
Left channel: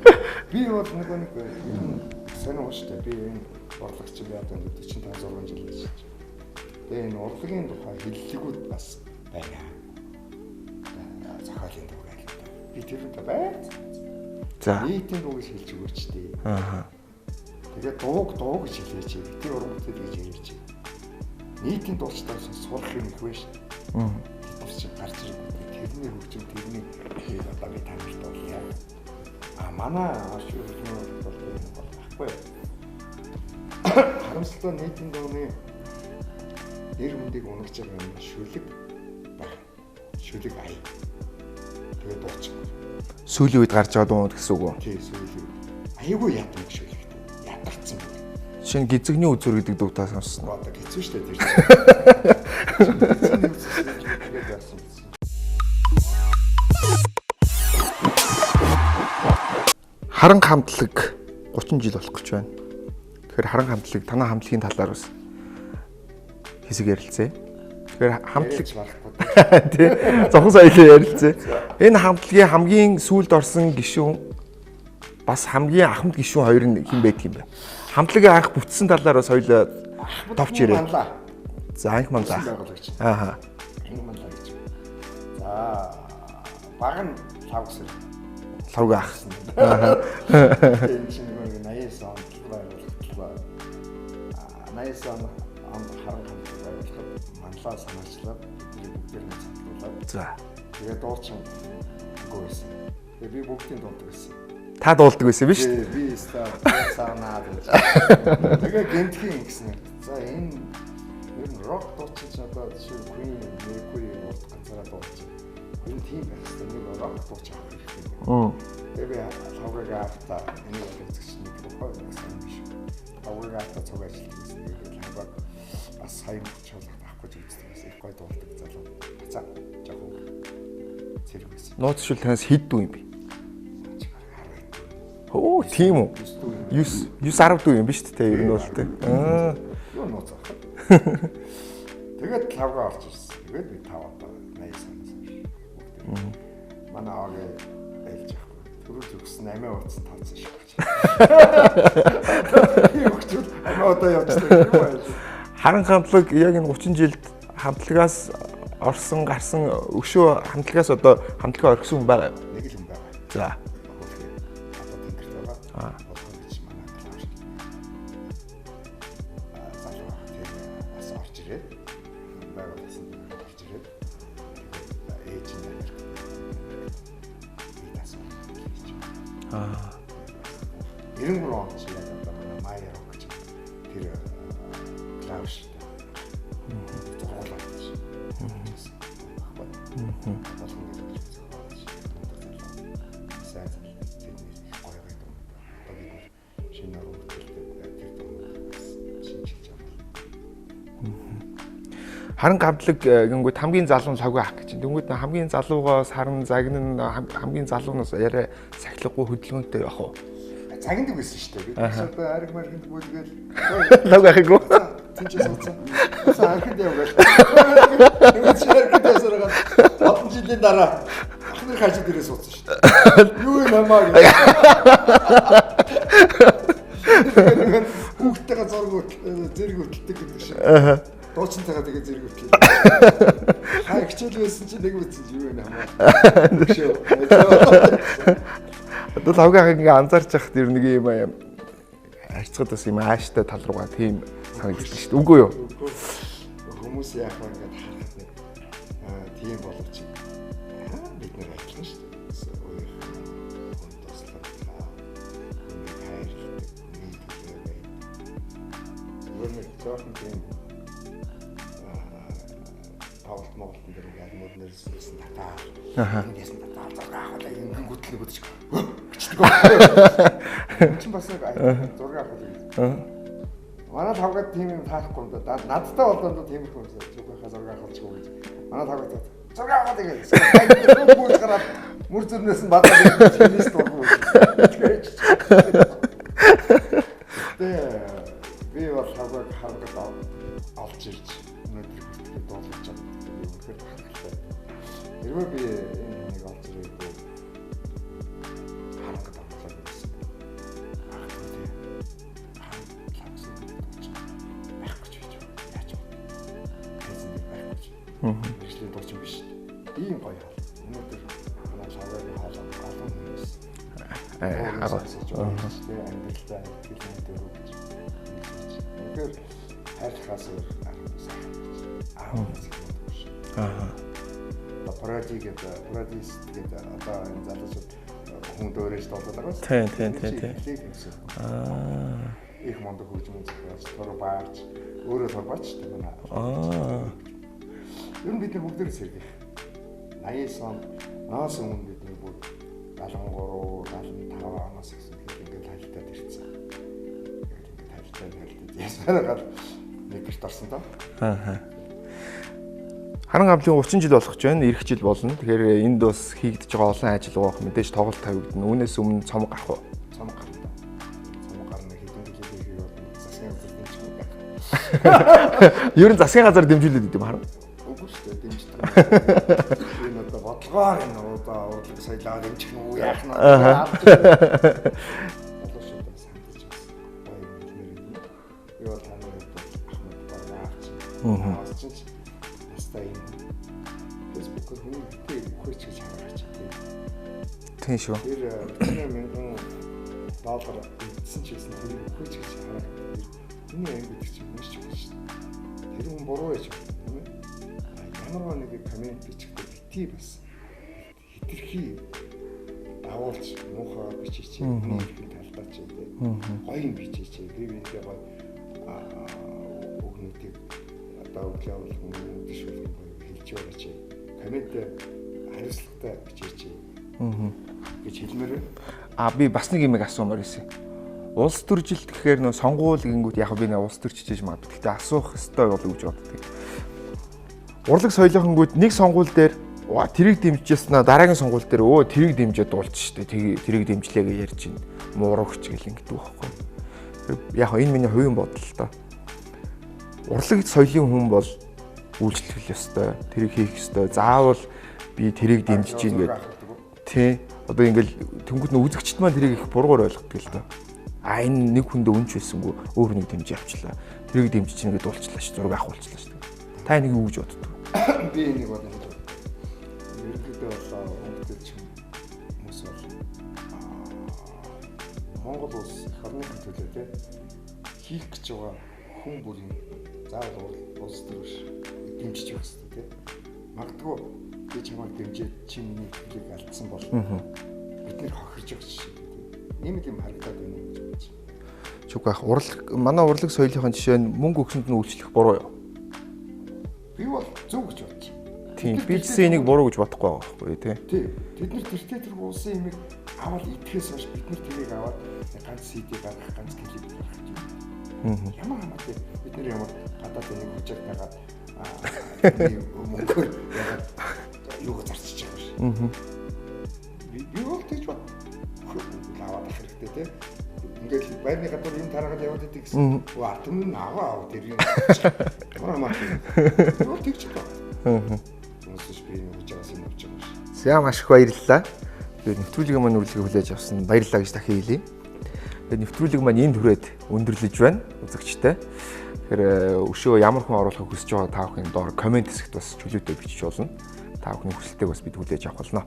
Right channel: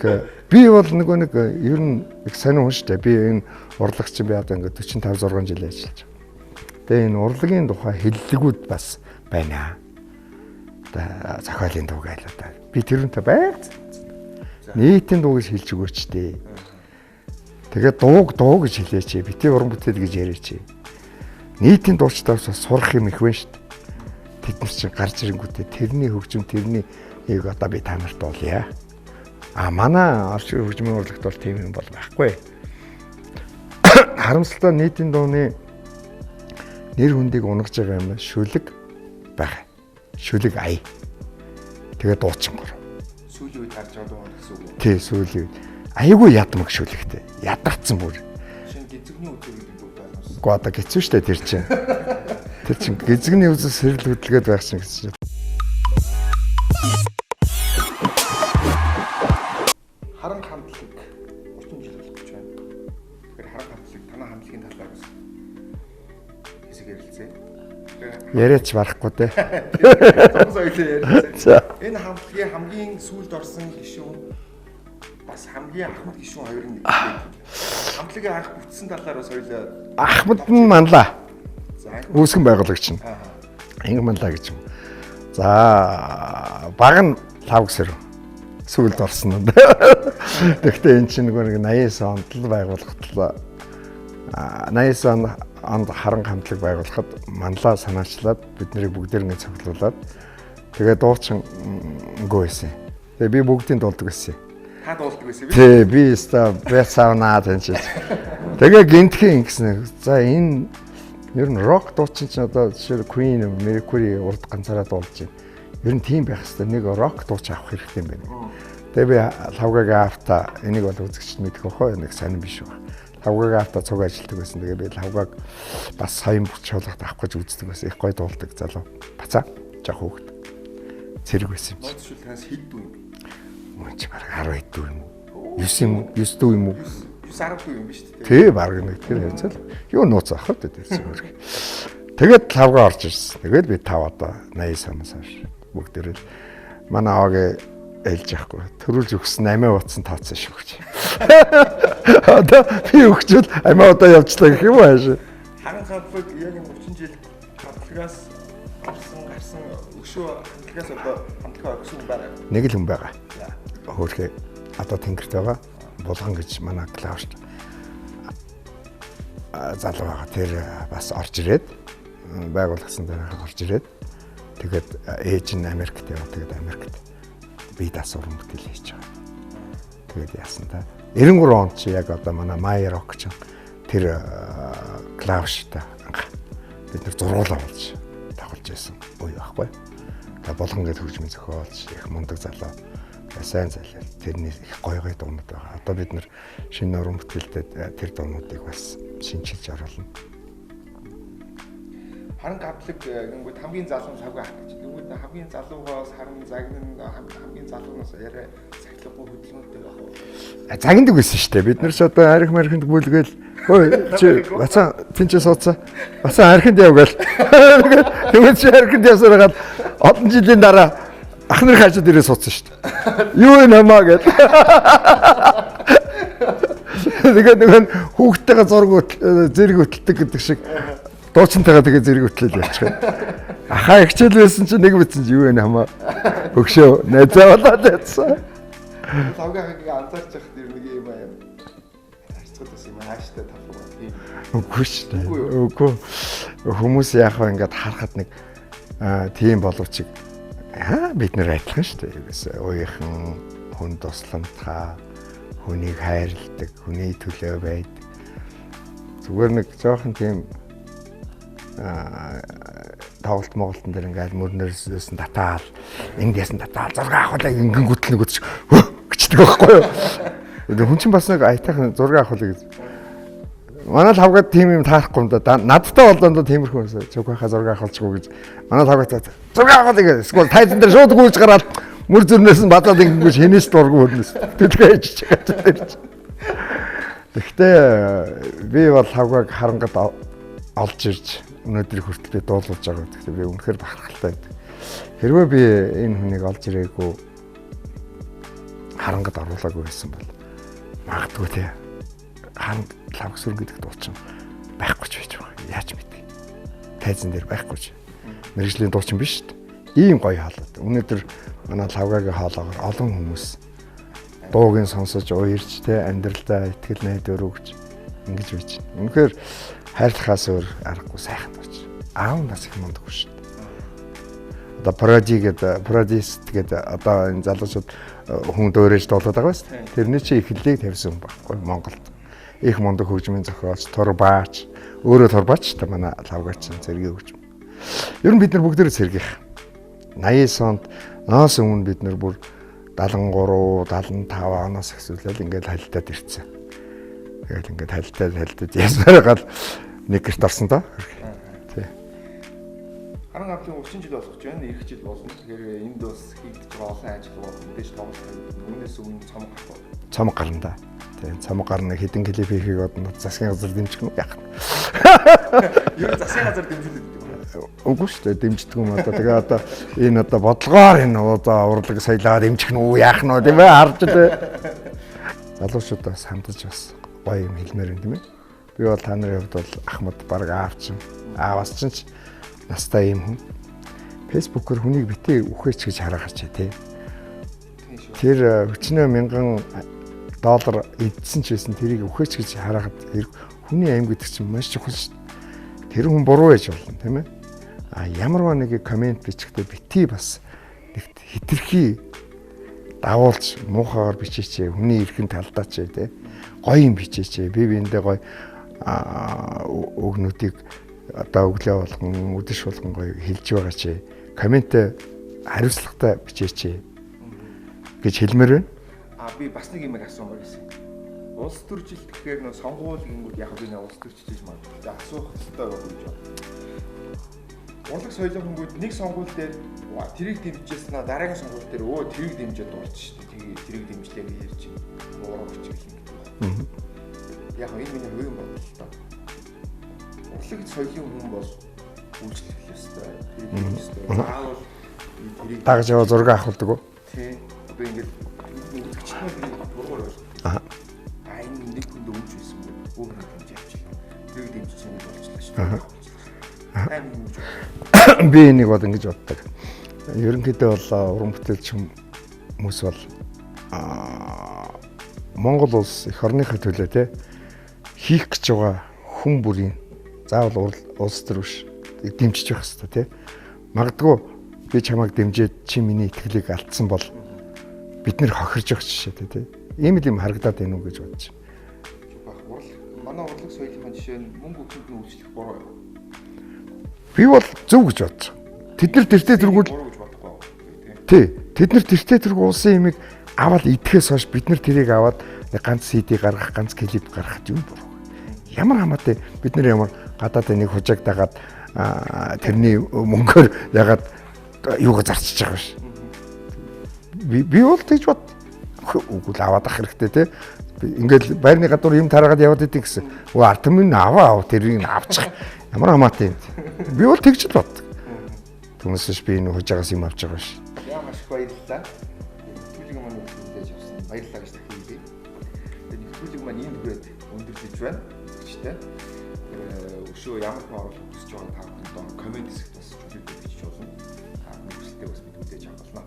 би бол нэг ер нь их сонир хүн шүү дээ. Би энэ урлагч би одоо ингээд 45 6 жил ажиллаж байна. Тэгээ энэ урлагийн тухай хэллэгүүд бас байна. Одоо зохиолын дуу гайл одоо би тэрүүнтэй байц. За нийтийн дуу гэж хэлж өгөөч дээ. Тэгээд дуу гэж хэлээч. Бити уран бүтээл гэж яриач. Нийтийн дуучдаас сурах юм их байна шүү дээ. Бид нар чинь гарч ирэнгүүтээ тэрний хөгжим тэрний нэг одоо би та нарт болъё. Манай орчин хөгжмийн урлагт бол тийм юм бол байхгүй. Харамсалтай нийтийн дууны нэр хүндийг унгаж байгаа юм шүлэг байгаа. Шүлэг ая. Тэгээд дуучин гор. Сүүлийн үед гарч байгаа дуу гэсэн үг үү? Тий, сүүлийн үед. Аягүй ядмаг шүлэгтэй. Ядарсан бүр. Шинэ гизэгний үзүр гэдэг дуутай сонссон. Гоо одоо хэцүү штэ тэр чинь. Гизэгний үзэл сэрэл хөдөлгөөд байхсан гэсэн чинь. Харанга хамтлаг 30 жил болох гэж байна. Тэгэхээр харанга хамтлаг танай хамтлагийн талаар бас хэсэг ярилцъя. Тэгэхээр яриач барахгүй те. Тийм. Зовхон соёлын ярилцъя. Энэ хамтлагийн хамгийн сүүлд орсон гишүүн бас хамгийн ахмад гишүүн хоёр нь хэн байдаг юм бэ? Хамтлагийн анх бүтсэн талаар бас хоёул Ахмад манлаа. За анх үүсгэн байгуулагч нь. Ааха. Инг манлаа гэж юм. За баг нь 5 гэсэр сүүлд орсон юм. Гэхдээ эн чинь нэг 89 онд л байгуулагдлаа. 89 онд харанга хамтлаг байгуулахад манлаа санаачлаад биднийг бүгдээр нэг цуглуулад. За. Тэгээд дуучин өнгөө байсан. Тэгээд би бүгдийн дуулдаг байсан. Та дуулдаг байсан биш? Тий, би өстой брэсаунаа тэнч. Тэгээ гинтхэн ингэсэн. За энэ ер нь рок дуучин ч одоо жишээ Queen, Mercury урд ганцаараа дуулж байна. Ер нь тийм байх хэвээр нэг рок дууч авах хэрэгтэй юм байна. Тэгээ би лавгагийн авта энийг бол үзэгч мэдэх хөө нэг сонирн биш үү. Лавгагийн авта цуг ажилтдаг байсан. Тэгээ би лавгаг бас саяын чуулгад авах гэж үздэг байсан. Их гой дуулдаг залуу. Бацаа жоох хөөхт. Цэрэг байсан. Нууц шил танаас хэд дүү юм бэ? Чи бараг 10 хэд дүү юм Оо, уу? тийм үү? 9 дүү юм уу? 9 10 дүү юм биш үү? Тий, бараг нэг тийм. Юу нууц ахад дээ. Тэгээд лавга орж ирсэн. Тэгээд би 5 одоо 80 санаас хойш бүгдээр манай аваагийн ээлж яахгүй. Төрүүлж өгсөн амиа утсан тооцсон шүү гэж. Одоо би өгчүүл амиа удаа явчлаа гэх юм ааш. Харанга хамтлаг яг энэ 30 жилд хамтлагаас орсон гарсан өшөө хамтлагаас одоо хамтлагаа орхисон хүн байгаа. Нэг л хүн байгаа. За. Хөөхөө одоо тэнгэрт байгаа. Булган гэж манай клавшд залуу байгаа. Тэр бас орж ирээд байгуулсан дээр орж ирээд тэгээд ээж нь Америкт яваад тэгээд Америкт би дасурын бүтээл хийж байгаа. Тэгээд яасан та 93 онд чи яг одоо манай Майер Рок ч тэр клавштай бид нар зургуулаа болж тоглож байсан үе байхгүй. Тэгээд болгон гэж хөгжмийн зохиолч их мундаг залуу сайн залуу тэрний их гой дуунууд байгаа. Одоо бид нар шинэ уран бүтээлтэй тэр дуунуудыг бас шинжилж оруулна. Харанга хамтлаг гингүүд хамгийн залуу нь лавга ах гэж. Тэнгүүд хамгийн залуугаас харан загнан хамгийн залуунаас яриа сахилгагүй хөдөлгөөнтэй явах уу? Загнадаг байсан шүү дээ. Бид нар ч одоо арх мархинд бүлгээл лавгаагүй. Бацаа тэнцээ суудсан. Бацаа архинд явгаал. Тэгвэл чи архинд явсараад олон жилийн дараа ах нарын хаашаа дээрээ суудсан шүү дээ. Юу юм хамаа гэж. Тэгээд нэг хүүхдтэйгээ зураг зэрэг хөтэлдэг гэдэг шиг. Дуучинтайгаа тэгээ зэрэг хөтлөж явчихсан. Ахаа хичээл байсан чинь нэг битсэн чи юу вэ хамаа. Өгшөө найзаа. Лавгааг ингээ анзаарч яхад ер нэг юм харьцаад бас юм ааштай тал руугаа тийм үгүй юу? Үгүй. Хүмүүс яг ингээд харахад нэг тийм боловч бид нэр адилхан шүү дээ. Юугээс ууйхан хүн тусламжтай, хүнийг хайрладаг, хүний төлөө байдаг. Зүгээр нэг жоохон тийм тоглолт моголтон дээр ингээд мөрнөөс татаал эндээс татаал зураг авахлаа ингэн гүтэл нэг үтч гिचдэг байхгүй юу. Хүн чинь бас нэг айтайхан зураг авахлаа гэж. Манай лавгаад тийм юм таарахгүй юм да. Надтай болдоо тиймэрхүү юмсаа цог байхаа зураг авахлчгүй гэж. Манай лавгаад зураг авахлаа гэж. Скол тайзан дээр шууд гүйж гараад мөр зүрнээс нь бадаад ингэж хэнээс дургу хөлс. Тэтгэж. Гэхдээ би бол лавгаад харангад олж ирж өнөөдөр хүртэл дуулуулж байгаа гэдэг. Би үнэхээр бахархалтай байдаг. Хэрвээ би энэ хүнийг олж ирээгүй харангад оруулаагүй байсан бол магадгүй те ханд лавгсүр гэдэг дуучин байхгүй ч байж байгаа. Яаж мэдээ. Тайзан дээр байхгүй ч. Мэргэжлийн дуучин биш шүү дээ. Ийм гоё хаалт. Өнөөдөр манай лавгагийн хаалгаар олон хүмүүс дуугийн сонсож уярж те амьдралдаа итгэл найдвар өгч ингэж байж. Үнэхээр хайрлахаас өөр аргагүй сайхан болж. Аав нас их мундаг шүү. Одоо продюс гэдэг одоо энэ залуучууд хүн дөөрэж дуулаад байгаа шүү. Тэрний чи эхлэлийг тавьсан байхгүй Монголд. Их мундаг хөгжмийн зохиолч, турбаач, өөрөө турбаач та манай лавгач зэрэг хөгжим. Ер нь бид нар бүгдээрээ сэргийх. 89 онд ноос өмнө бид нар бүр 73, 75 оноос эхлүүлээд ингээд хальтаад ирсэн. Тэгэл ингээд хальтаад ясаар гал нэг гэрт орсон доо. Тий. Харанга хамтлагийн 30 жил болох гэж байна. Ирэх жил болно. Тэгэхээр энд бас хийгдэж байгаа олон ажил байгаа. Мэдээж тоглолт тавигдана. Үүнээс өмнө цомог гарах уу? Цомог гарна да. Тий, цомог гарна. Хэдэн клип хийхийг одоо засгийн газар дэмжих юм яах вэ? Ер нь засгийн газар дэмжүүлээд идэв хараа. Үгүй шүү дээ. Дэмждэг юм одоо. Тэгээ одоо энэ одоо бодлогоор энэ одоо урлаг соёлоо дэмжих нь үү яах нь тийм ээ харж дээ. Залуучуудаас хандаж бас гоё юм хэлмээр юм тийм ээ. Би бол та нарын хувьд бол Ахмад баг аавч аавас ч настай юм хүн. Фэйсбүүкээр хүнийг битээ үхээч гэж хараагач тий. Тийм шүү. Тэр $40 мянган доллар эдсэн ч байсан тэрийг үхээч гэж харахад хүний аим гэдэг чинь маш чухал шүү. Тэр хүн буруу байж болно тийм ээ. А ямарваа нэг комент бичихдээ битээ бас хитрхи давуулж муухагаар бичээч хүний эрхэн талдаач тий. Гоё юм бичээч. Би биэндээ гоё өгнүүдийг одоо өглөө болгон өдөш болгон гоё хэлж байгаа чи комент хариуцлагатай бичээч гэж хэлмээр байна. Би бас нэг юм асуумаар байсан. Улс төр жилд гэхээр нөө сонгуул гингүүд яг би нэг улс төр чижээж магадгүй. Гэтэ асуух хэрэгтэй бол гэж боддог. Урлаг соёлынхонгүүд нэг сонгуул дээр тэрийг дэмжижсэн дараагийн сонгуул дээр тэрийг дэмжиж дуулж штэ. Тэрийг дэмжлээ гэж ярьж байна. Муурагч гэл ингэдэг байхгүй. Яг энэ миний хувийн бодол л доо. Урлаг соёлын хүн бол үйлчлэх ёстой. Тэрийг хийх ёстой. Заавал би тэрийг дагж яваа зураг авахдаг уу? Тий. Одоо ингээл тэнгууд нь үзэгчд маань тэрийг их буруугаар ойлгодог л. Энэ нэг хүндээ үнч байсангүй өөр нэг дэмжиж авчлаа. Тэрийг дэмжиж чинь ингээд уулчлаа шүү. Зураг авахулчлаа шүү. Та нэг юу гэж боддог? Би энийг бол ингэж боддог. Ерөнхийдөө бол уран бүтээлч хүмүүс бол Монгол улс их орныхаа төлөө те хийх гэж байгаа хүн бүрийн заавал улс төр биш дэмжиж явах хэрэгтэй тий. Магадгүй би чамайг дэмжиж чи миний итгэлийг алдсан бол бид нэр хохирж явах жишээтэй тий. Ийм юм харагдаад байна уу гэж бодож. Чүгэх манай урлаг соёлынхын жишээ нь мөнгө өгсөнд нь үйлчлэх буруу юу? Би бол зөв гэж бодож. Тэд нар тэртээ тэргүүл буруу гэж бодохгүй байгаа байхгүй тий. Тий. Тэд нар тэртээ тэргүү улсын имийг аваад идэхээс хойш бид нар тэрийг аваад ганц CD гаргах, ганц клип гаргах юм буруу. Ямар хамаатай бид нар ямар гадаад энийг хужааг дагаад тэрний мөнгөөр ягаад юугаа зарчиж байгаа ш. Би бол тэгж бод үгүй аваад ах хэрэгтэй те. Ингээл байрны гадуур юм тараагаад яваад идэг гэсэн. Арт минь аваа тэрийг авчих. Ямар хамаатай. Би бол тэгж л бод. Түнэсэж би энэ хужаагаас юм авч байгаа ш. За маш их баярлалаа. Нэвтрүүлгийн маань үргэлжлүүлж хүлээж авсан баярлалаа гэж дахин хэлье. Тэгээд нэвтрүүлэг маань энд хүрээд өндөрлөж байна үзэгчтэй. Тэгэхээр өшөө ямар хүн оруулахыг хүсэж байгаа та бүхэн доор комент хэсэгт бас чөлөөтэй бичиж болно. Та бүхний хүсэлтэйг бас бид хүлээж авах болно.